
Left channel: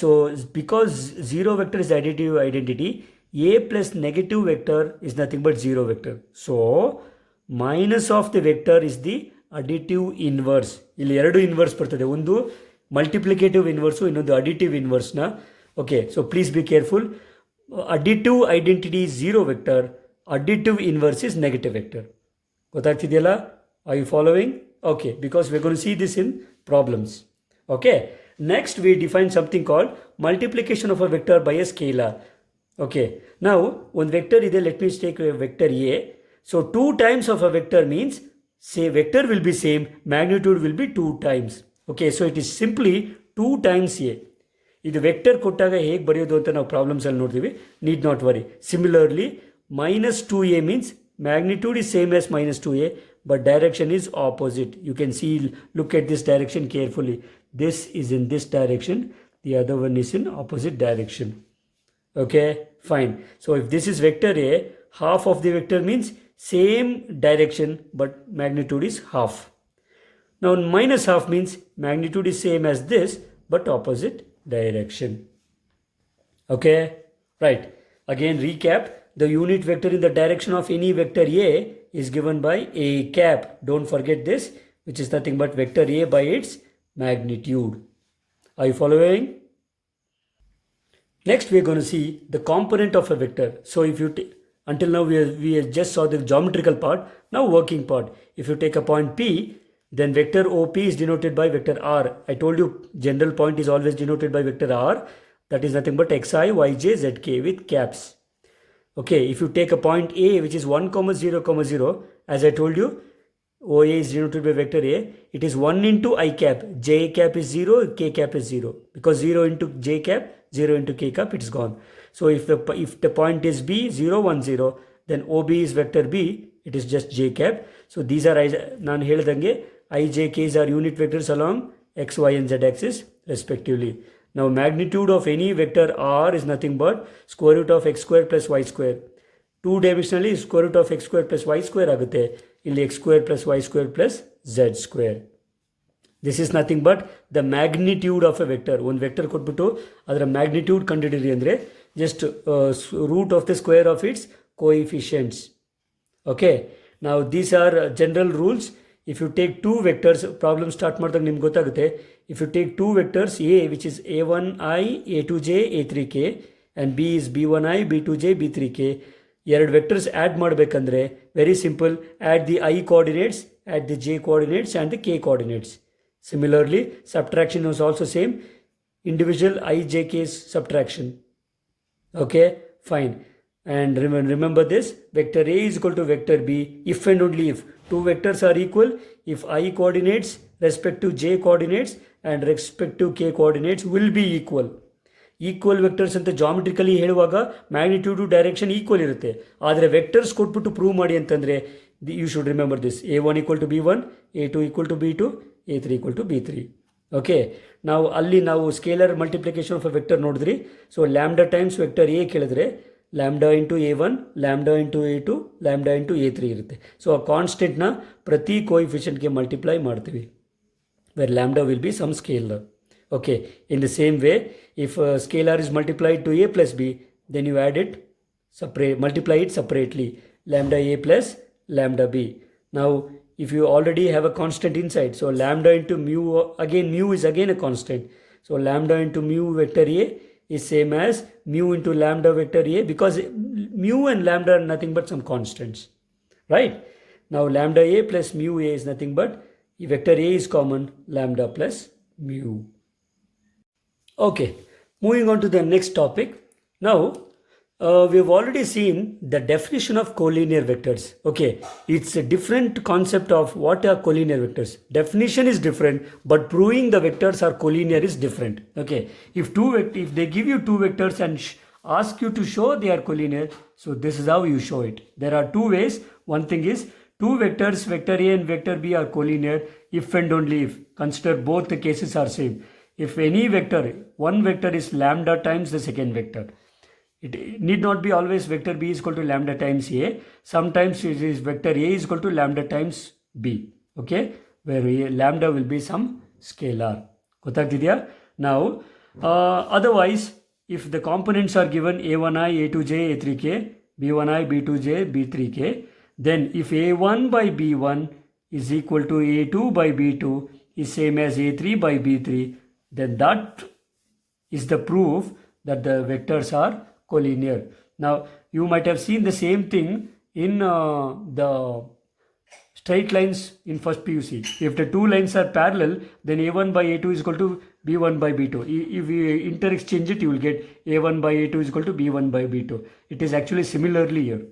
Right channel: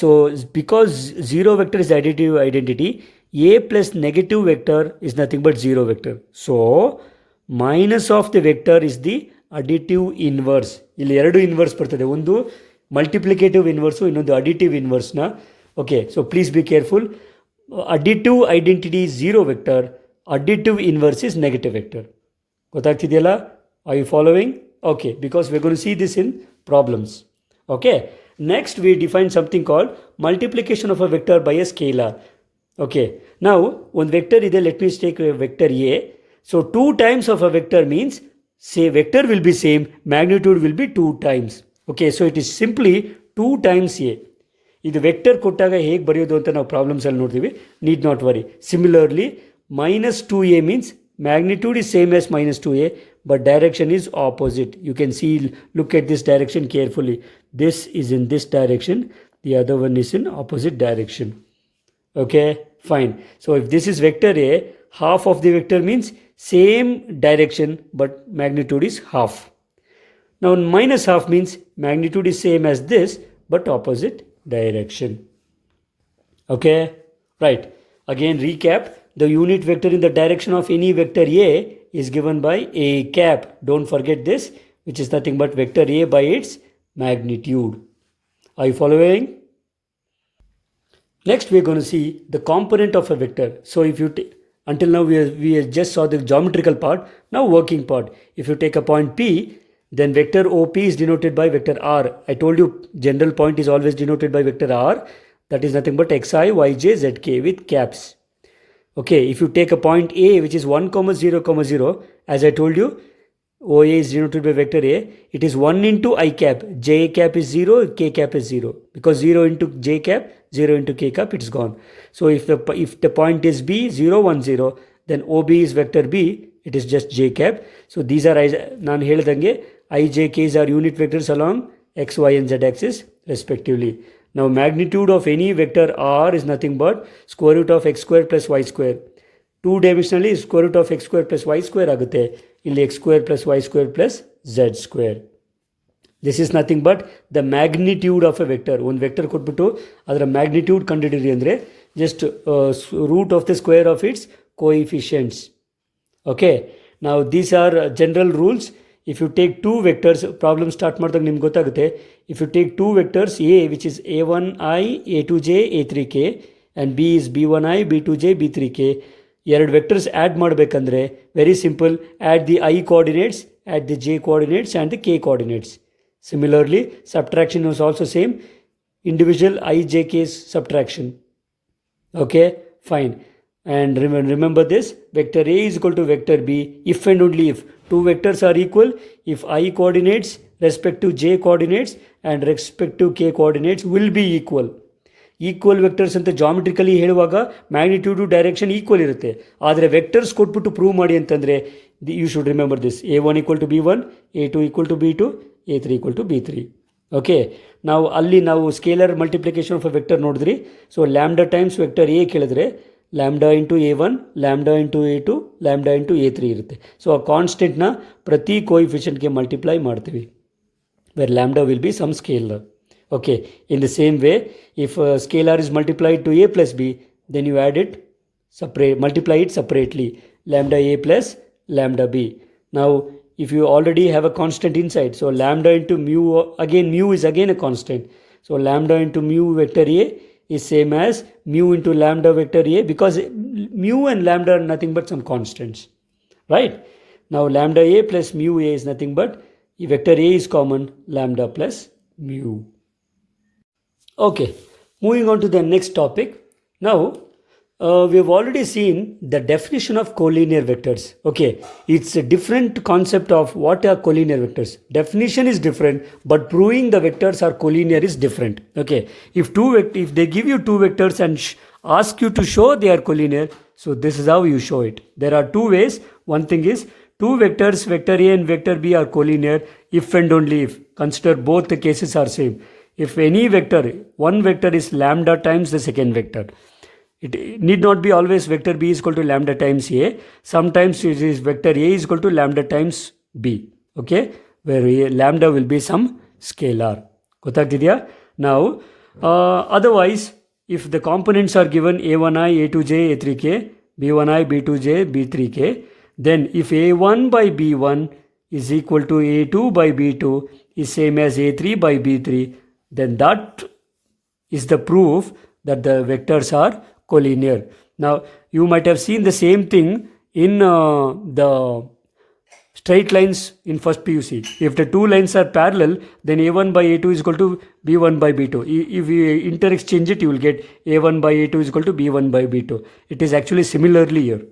so because 0 vector is the additive identity, a plus negative vector is nothing but 0 vector. So minus of the vector is the additive inverse. ಇಲ್ಲಿ ಎರಡು inverse ಬರ್ತದೆ, ಒಂದು multiplicative inverse, ಇನ್ನೊಂದು additive ಇನ್ವರ್ಸ್ನ. Okay, so please be careful. Additive identity is 0 vector, additive inverse is negative vector. ಗೊತ್ತಾಗ್ತಿದೆಯಲ್ಲ? Are you following? Okay, because we gonna see this in problems. Okay, next we define something called multiplication of a vector by a scalar. Okay, ನಾವು ಒಂದು vector ಇದೆ, let me's take vector A. So 2 times of a vector means say vector will be same, magnitude will be 2 times. Okay, so it is simply 2 times a. ಇದು vector ಕೊಟ್ಟಾಗ ಹೇಗೆ ಬರೆಯೋದು ಅಂತ ನಾವು ಪ್ರಾಬ್ಲಮ್ಸಲ್ಲಿ ನೋಡ್ತೀವಿ. Need not worry. Similarly minus 2a means magnitude is same as minus 2a, but direction is opposite. You can see, look at this direction carefully. This is in this direction, the other one is in opposite direction. Okay, fine. So if this is vector a, half of the vector means same direction but magnitude is half. Now minus half means magnitude is same as this but opposite direction. Okay, right. Again recap, the unit vector in the direction of any vector a is given by a cap. Don't forget this, which is nothing but vector a by its magnitude. Are you following? Next we are going to see the component of a vector. So if you until now we just saw the geometrical part, now working part. If you take a point P, then vector OP is denoted by vector R. I told you general point is always denoted by vector R. That is nothing but xi, yj, zk with caps. Okay, if you take a point A which is 1, 0, 0, as I told you, OA is denoted by vector A. It is 1 into I cap. J cap is 0, K cap is 0. Because 0 into J cap, 0 into K cap, it's gone. So if the point is B, 0, 1, 0, then OB is vector B, it is just J cap. So these are, ನಾನು ಹೇಳಿದಂಗೆ, I, J, K's are unit vectors along X, Y and Z axis respectively. Now magnitude of any vector R is nothing but square root of x square plus y square. 2 dimensionally square root of x square plus y square ಆಗುತ್ತೆ. ಇಲ್ಲಿ x square plus y square plus z square. This is nothing but the magnitude of a vector. ಒಂದು vector ಕೊಟ್ಬಿಟ್ಟು ಅದರ magnitude ಕಂಡುಹಿಡಿಯಿರಿ ಅಂದರೆ just root of the square of its coefficients. Okay, now these are general rules. If you take two vectors, problem start ಮಾಡಿದಾಗ ನಿಮ್ಗೆ ಗೊತ್ತಾಗುತ್ತೆ. If you take two vectors, A which is a1i, a2j, a3k and B is b1i, b2j, b3k, ಎರಡು vectors add ಮಾಡಬೇಕಂದ್ರೆ very simple, add the I coordinates, add the j coordinates and the k coordinates. Similarly, subtraction is also same, individual I, j, k's subtraction. Okay, fine. And remember this, vector A is equal to vector B if and only if two vectors are equal, if I coordinates respect to j coordinates and respect to k coordinates will be equal. Equal vectors ಅಂತ ಜಾಮೆಟ್ರಿಕಲಿ ಹೇಳುವಾಗ magnitude direction equal ಇರುತ್ತೆ. ಆದರೆ vectors ಕೊಟ್ಬಿಟ್ಟು prove ಮಾಡಿ ಅಂತಂದರೆ you should remember this, a1 equal to b1, a2 equal to b2, a3 equal to b3. Okay, ನಾವು scalar multiplication of a vector ನೋಡಿದ್ರಿ. So lambda times vector A ಕೇಳಿದ್ರೆ lambda into a1, lambda into a2, lambda into a3 ಇರುತ್ತೆ. So ಆ ಕಾನ್ಸ್ಟೆಂಟ್ನ ಪ್ರತಿ ಕೋಎಫಿಷಿಯೆಂಟ್ಗೆ multiply ಮಾಡ್ತೀವಿ, where lambda will be some scalar. Okay, in the same way, if a scalar is multiplied to a plus b, then you add it multiply it separately, lambda a plus lambda b. Now if you already have a constant inside, so lambda into mu, again mu is again a constant, so lambda into mu vector a is same as mu into lambda vector a, because mu and lambda are nothing but some constants, right? Now lambda a plus mu a is nothing but, if vector a is common, lambda plus mu. Okay, moving on to the next topic. Now we have already seen the definition of collinear vectors. Okay, it's a different concept of what are collinear vectors. Definition is different, but proving the vectors are collinear is different. Okay, if if they give you two vectors and ask you to show they are collinear, so this is how you show it. There are two ways. One thing is two vectors, vector A and vector B are collinear if and only if. Consider both the cases are same. If any vector, one vector is lambda times the second vector. It need not be always vector B is equal to lambda times A. Sometimes it is vector A is equal to lambda times B. Okay, where lambda will be some scalar. Gottagidya? Now, otherwise, if the components are given A1i, A2j, A3k, B1i, B2j, B3k, then if A1 by B1 is equal to A2 by B2 is same as A3 by B3, then that is the proof that the vectors are collinear. Now, you might have seen the same thing in the straight lines in first PUC. If the two lines are parallel, then A1 by A2 is equal to B1 by B2. If you interexchange it, you will get A1 by A2 is equal to B1 by B2. It is actually similarly here.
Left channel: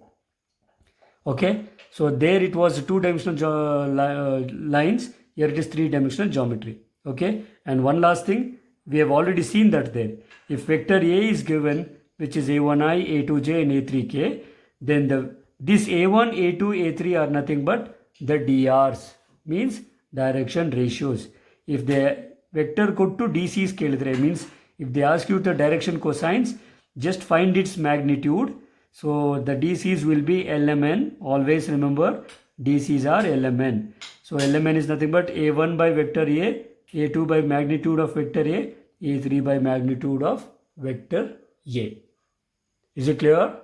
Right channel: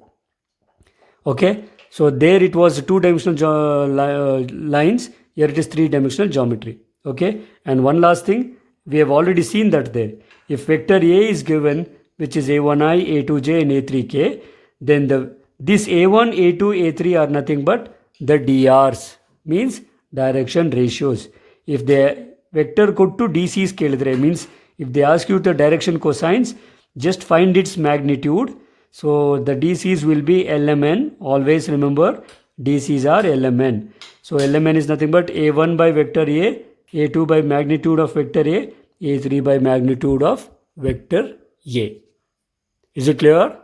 Okay, so there it was two-dimensional lines. Here it is three-dimensional geometry. Okay, and one last thing, we have already seen that there. If vector A is given, which is A1i, A2j and A3k, then this A1, A2, A3 are nothing but the DRs, means direction ratios. If the vector ಕೊಟ್ಟು DCs ಕೇಳಿದ್ರೆ, means if they ask you the direction cosines, just find its magnitude. So the DCs will be LMN. Always remember DCs are LMN. So LMN is nothing but A1 by vector A, A2 by magnitude of vector A, A3 by magnitude of vector A. Is it clear?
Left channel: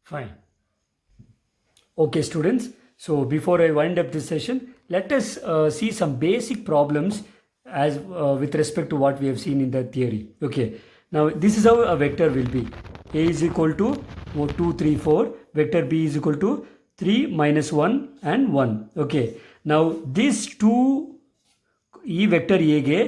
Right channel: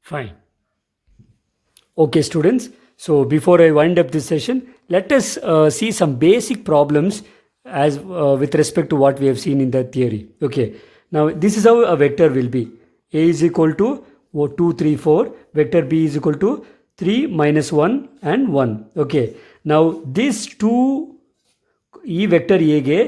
Fine. Okay, students. So before I wind up this session, let us see some basic problems as with respect to what we have seen in the theory. Okay. Now this is how a vector will be. A is equal to 2, 3, 4. Vector B is equal to 3, minus 1 and 1. Okay. Now these two E vector A ge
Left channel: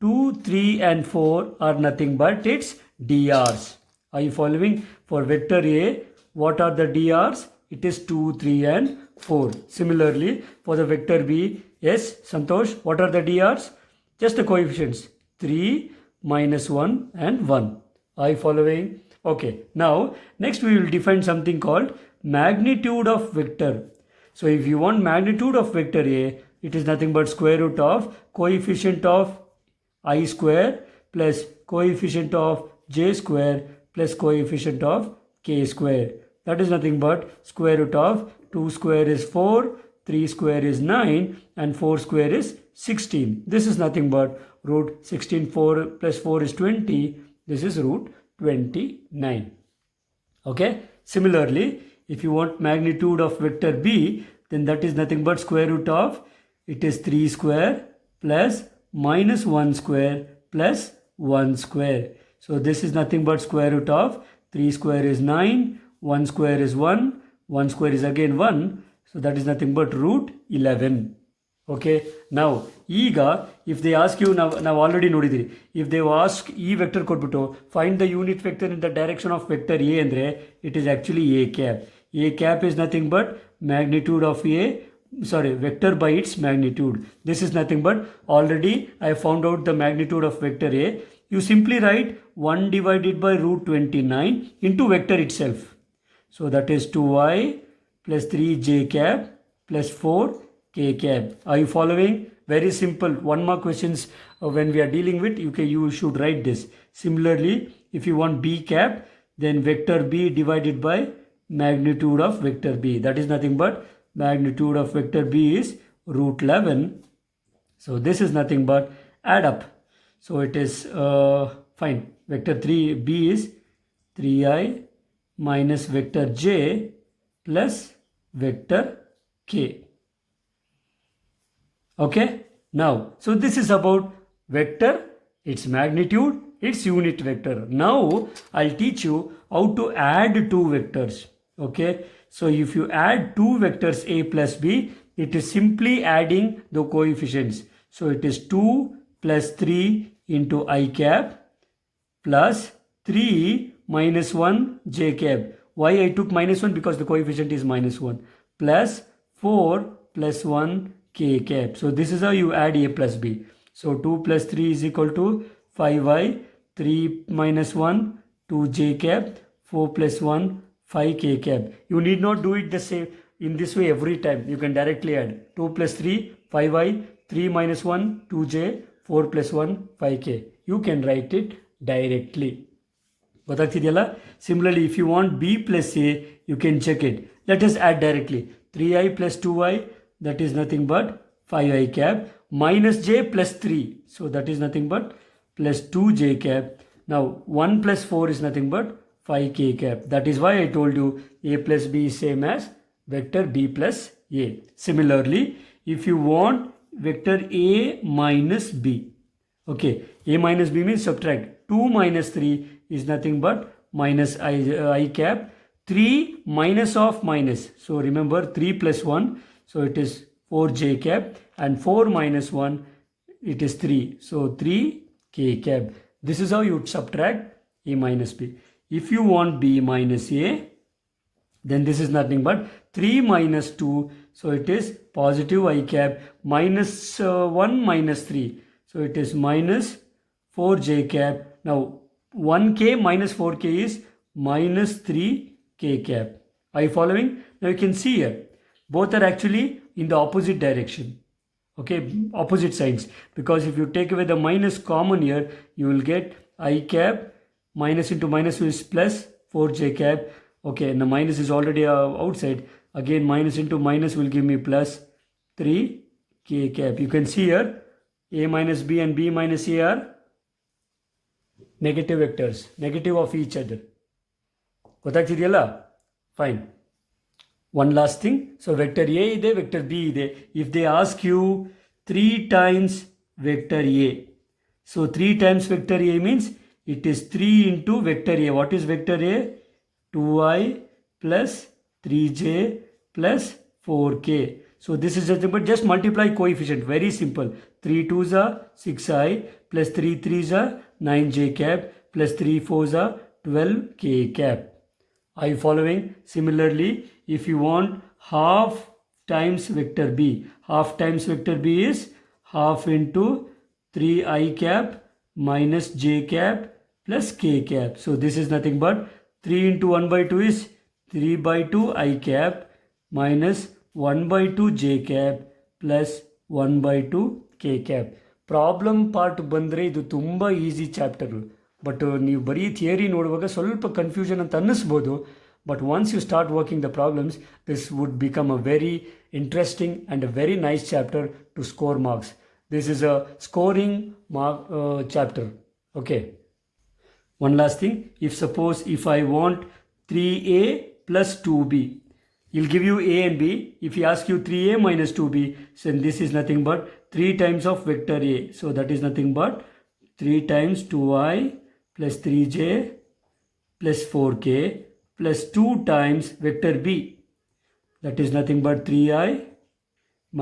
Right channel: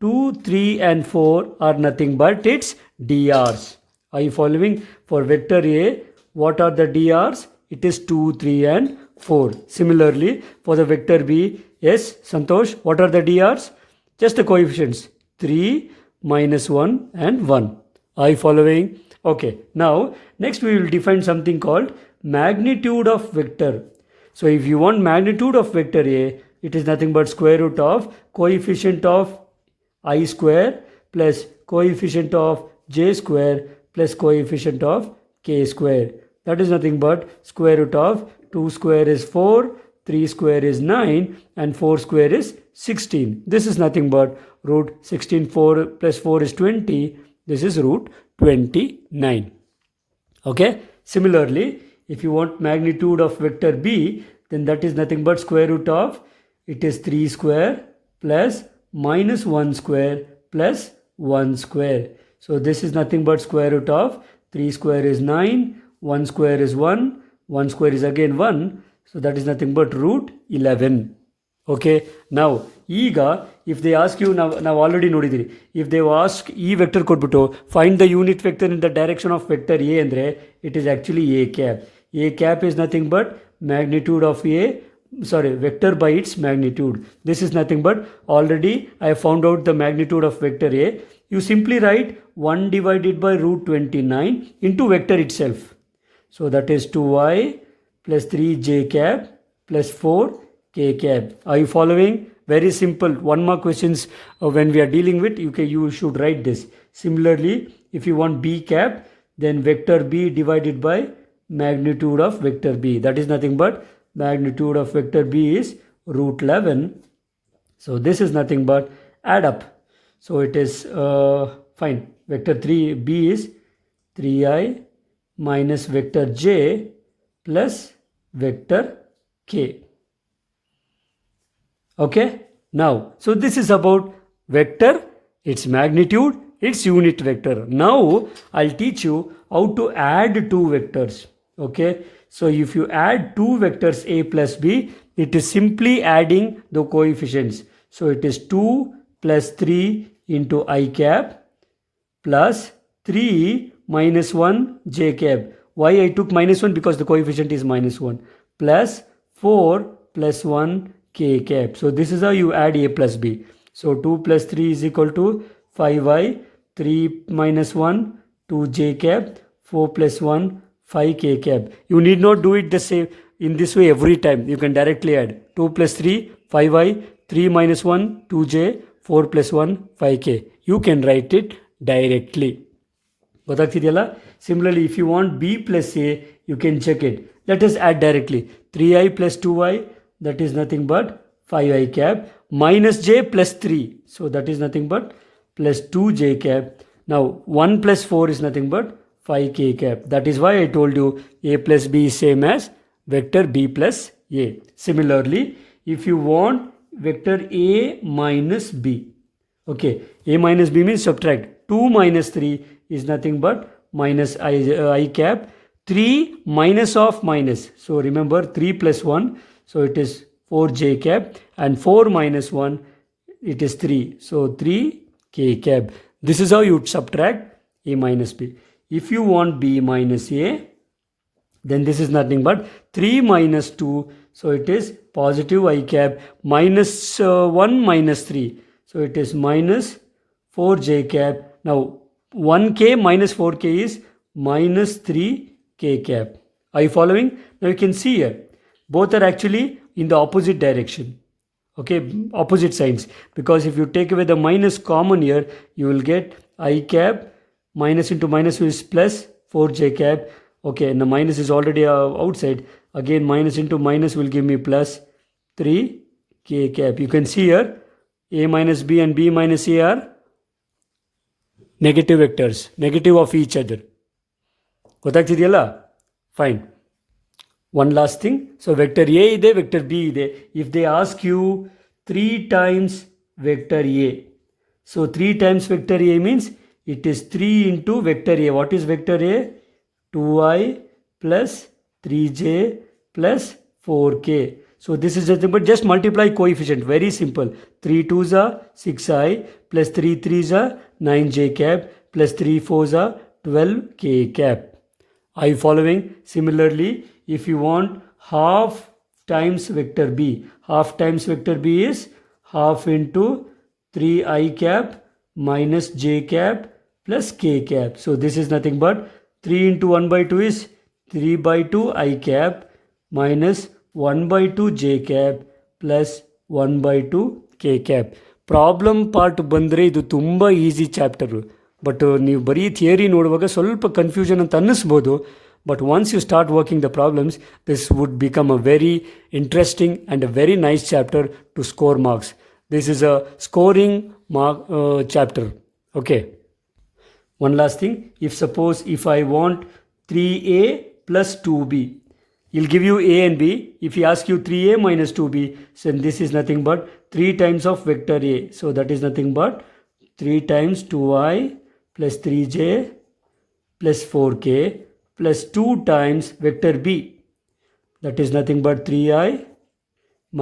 2, 3 and 4 are nothing but its DRs. Are you following? For vector A, what are the DRs? It is 2, 3 and 4. Similarly, for the vector B, yes, Santosh, what are the DRs? Just the coefficients 3, minus 1 and 1. Are you following? Okay. Now, next we will define something called magnitude of vector. So, if you want magnitude of vector A, it is nothing but square root of coefficient of I square plus coefficient of j square plus coefficient of k square. That is nothing but square root of 2 square is 4, 3 square is 9 and 4 square is 16. This is nothing but root 16, 4 plus 4 is 20. This is root 29. Okay. Similarly, if you want magnitude of vector B, then that is nothing but square root of, it is 3 square plus minus 1 square plus 1 square. So this is nothing but square root of 3 square is 9, 1 square is 1, 1 square is again 1. So that is nothing but root 11. Okay. Now, if they ask you, now already nodidiri, if they ask E vector kodbittu, find the unit vector in the direction of vector A andre, it is actually A cap. A cap is nothing but magnitude of vector by its magnitude. This is nothing but, already I found out the magnitude of vector A. You simply write 1 divided by root 29 into vector itself. So that is 2i plus 3j cap plus 4k cap. Are you following? Very simple. One more questions when we are dealing with, you should write this. Similarly, if you want b cap, then vector b divided by magnitude of vector b. That is nothing but magnitude of vector b is root 11. So this is nothing but add up. So it is fine. Vector 3b is 3i minus vector j plus vector k. Okay. Now, so this is about vector, its magnitude, its unit vector. Now, I'll teach you how to add two vectors. Okay. So, if you add two vectors a plus b, it is simply adding the coefficients. So, it is 2 plus 3 into I cap plus 3 minus 1 j cap. Why I took minus 1? Because the coefficient is minus 1. Plus 4 plus 1 k cap. So this is how you add a plus b. So 2 plus 3 is equal to 5y, 3 minus 1, 2 j cap, 4 plus 1, 5 k cap. You need not do it the same in this way every time. You can directly add 2 plus 3, 5y, 3 minus 1, 2j, 4 plus 1, 5k. You can write it directly. ಗೊತ್ತಾಗ್ತಿದೆಯಲ್ಲ? Similarly, if you want b plus a, you can check it. Let us add directly. 3i plus 2y, that is nothing but 5i cap, minus j plus 3. So that is nothing but plus 2j cap. Now 1 plus 4 is nothing but 5k cap. That is why I told you a plus b is same as vector b plus a. Similarly, if you want vector a minus b, okay, a minus b means subtract. 2 minus 3 is nothing but minus I cap. 3 minus of minus. So remember 3 plus 1. So it is 4j cap. And 4 minus 1, it is 3. So 3k cap. This is how you subtract a minus b. If you want b minus a, then this is nothing but 3 minus 2. So it is positive I cap minus 1 minus 3. So it is minus 4j cap. Now 1k minus 4k is minus 3k cap. Are you following? Now you can see here, both are actually in the opposite direction. Okay, opposite signs. Because if you take away the minus common here, you will get I cap, minus into minus is plus 4j cap. Okay, and the minus is already outside. Again, minus into minus will give me plus 3k cap. You can see here, a minus b and b minus a are negative vectors, negative of each other. ಗೊತ್ತಾಗ್ತಿದೆಯಲ್ಲ? Fine. One last thing. So vector a ಇದೆ, vector b ಇದೆ. If they ask you 3 times vector a. So 3 times vector a means it is 3 into vector a. What is vector a? 2i plus 3j plus 4k. So this is nothing but just multiply coefficient. Very simple. 3 2s are 6i plus 3 3s are 9j cap plus 3 4s are 12k cap. Are you following? Similarly, if you want half times vector b, half times vector b is half into 3i cap minus j cap plus k cap. So this is nothing but 3 into 1 by 2 is 3 by 2 I cap minus 1 by 2 j cap plus 1 by 2 k cap. Problem part ಬಂದರೆ ಇದು ತುಂಬ easy chapter. But ನೀವು ಬರೀ theory ನೋಡುವಾಗ ಸ್ವಲ್ಪ confusion ಅಂತ ಅನ್ನಿಸ್ಬೋದು. But once you start working the problems, this would become a very interesting and a very nice chapter to score marks. This is a scoring chapter. Okay. One last thing, if I want 3a plus 2b, he'll give you a and b. If he asks you 3a minus 2b, then this is nothing but 3 times of vector a. So that is nothing but 3 times 2i plus 3j plus 4k plus 2 times vector b. That is nothing but 3i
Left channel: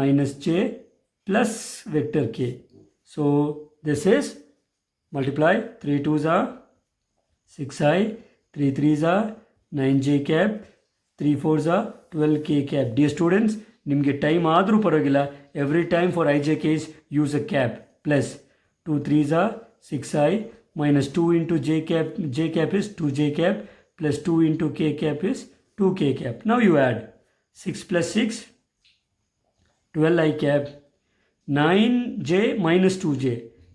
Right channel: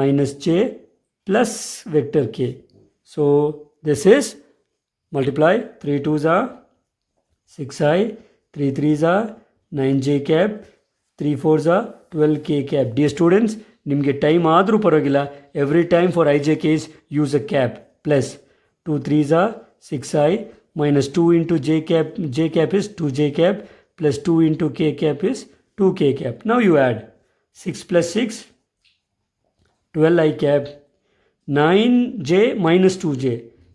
minus j plus vector k. So this is multiply 3 2s are 6i, 3 3s are 9j cap, 3 4s are 12k cap. Dear students, ನಿಮಗೆ time ಆದರೂ ಪರವಾಗಿಲ್ಲ, every time for I J case use a cap. Plus 2 3s are 6i minus 2 into j cap is 2j cap plus 2 into k cap is 2k cap. Now you add 6 plus 6, 12i cap, 9j minus 2j.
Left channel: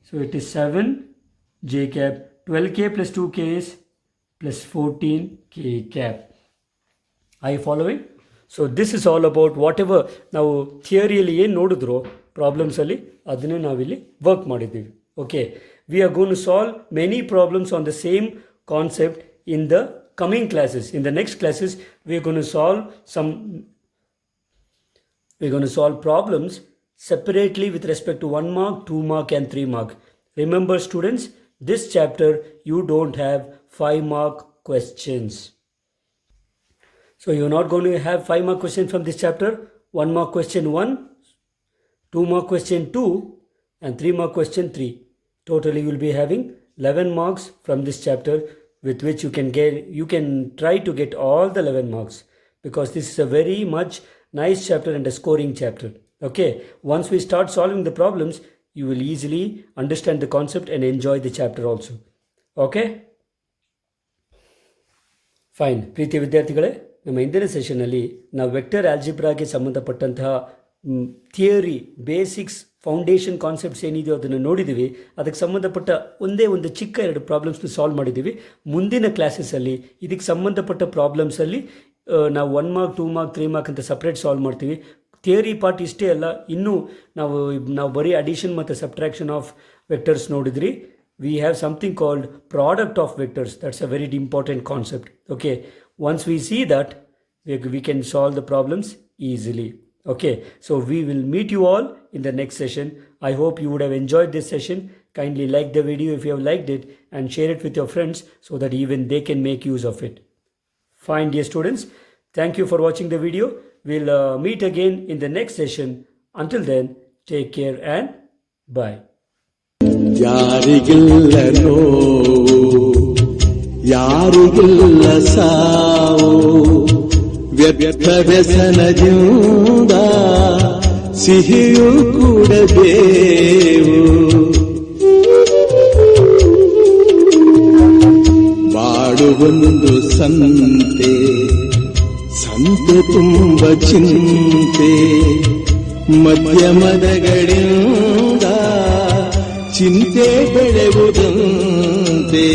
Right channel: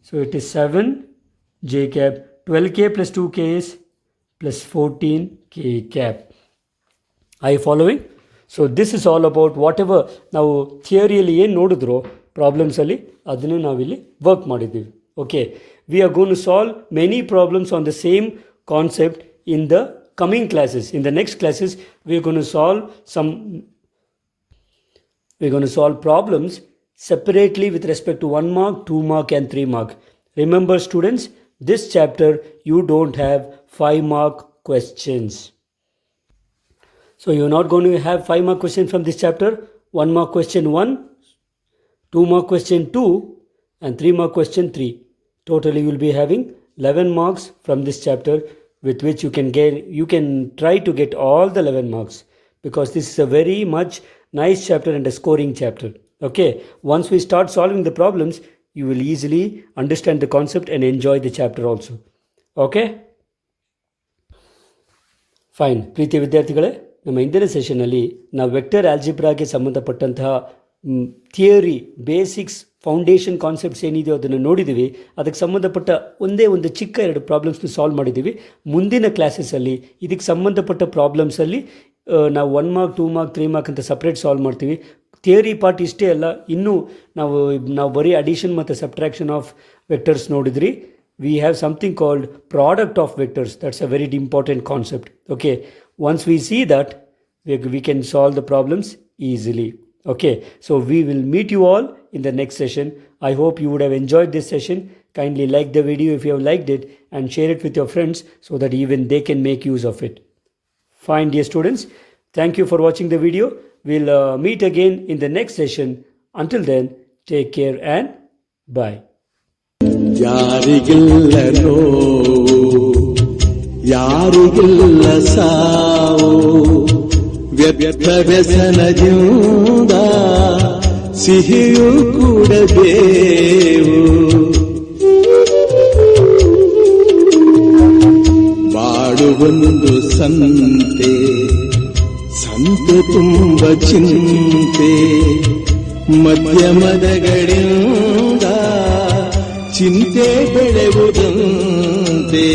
So it is 7j cap. 12k plus 2k is plus 14k cap. Are you following? So this is all about whatever ನಾವು ಥಿಯರಿಯಲ್ಲಿ ಏನು ನೋಡಿದ್ರೋ ಪ್ರಾಬ್ಲಮ್ಸಲ್ಲಿ ಅದನ್ನೇ ನಾವಿಲ್ಲಿ work ಮಾಡಿದ್ದೀವಿ. Okay, we are going to solve many problems on the same concept in the coming classes. In the next classes we are going to solve problems separately with respect to 1 mark, 2 mark and 3 mark. Remember students, this chapter you don't have 5 mark questions. So you're not going to have 5 mark questions from this chapter. 1 mark question 1, 2 mark question 2 and 3 mark question 3. Totally you will be having 11 marks from this chapter with which you can try to get all the 11 marks, because this is a very much nice chapter and a scoring chapter. Okay, once we start solving the problems, you will easily understand the concept and enjoy the chapter also. Okay, fine. ಪ್ರೀತಿಯ ವಿದ್ಯಾರ್ಥಿಗಳೇ, ನಮ್ಮ ಇಂದಿನ ಸೆಷನ್ನಲ್ಲಿ ನಾವು vector ಆಲ್ಜಿಬ್ರಾಗೆ ಸಂಬಂಧಪಟ್ಟಂತಹ theory, basics, foundation concepts ಏನಿದೆಯೋ ಅದನ್ನು ನೋಡಿದ್ದೀವಿ. ಅದಕ್ಕೆ ಸಂಬಂಧಪಟ್ಟ ಒಂದು ಚಿಕ್ಕ 2 ಪ್ರಾಬ್ಲಮ್ಸ್ನ ಸಾಲ್ವ್ ಮಾಡಿದ್ದೀವಿ. ಮುಂದಿನ ಕ್ಲಾಸಸ್ಸಲ್ಲಿ ಇದಕ್ಕೆ ಸಂಬಂಧಪಟ್ಟ ಪ್ರಾಬ್ಲಮ್ಸಲ್ಲಿ ನಾವು 1 ಮಾರ್ಕ್, 2 ಮಾರ್ಕ್, 3 ಮಾರ್ಕ್ ಅಂತ ಸಪ್ರೇಟ್ ಸಾಲ್ವ್ ಮಾಡ್ತೀವಿ. ಥಿಯರಿ ಪಾರ್ಟ್ ಇಷ್ಟೇ ಅಲ್ಲ, ಇನ್ನೂ ನಾವು ಬರೀ ಅಡಿಷನ್ ಮತ್ತು ಸಬ್ಟ್ರಾಕ್ಷನ್ ಆಫ್ ವೆಕ್ಟರ್ಸ್ ನೋಡಿದ್ರಿ. We have something called product of vectors. That's a very important concept. Okay, once we see that, we can solve the problems easily. Okay, so we will meet you all in the next session. I hope you would have enjoyed this session. Kindly like the video if you have liked it, and share it with your friends so that even they can make use of it. Fine, dear students, thank you for watching the video. We'll meet again in the next session. Until then, take care and bye. ಯಾರಿಗಿಲ್ಲ ನೋವು, ಯಾರಿಗಿಲ್ಲ ಸಾವು, ವ್ಯರ್ಥ ವ್ಯಸನದಿಂದ ಸಿಹಿಯೂ ಕೂಡಬೇವು. ಬಾಡುವೊಂದು ಸಂತೆ, ಸಂತೆ ತುಂಬ ಚಿಂತೆ, ಮಧ್ಯಮದಗಳಿಂದ ಚಿಂತೆ ಬೆಳೆಯುವುದಂತೆ.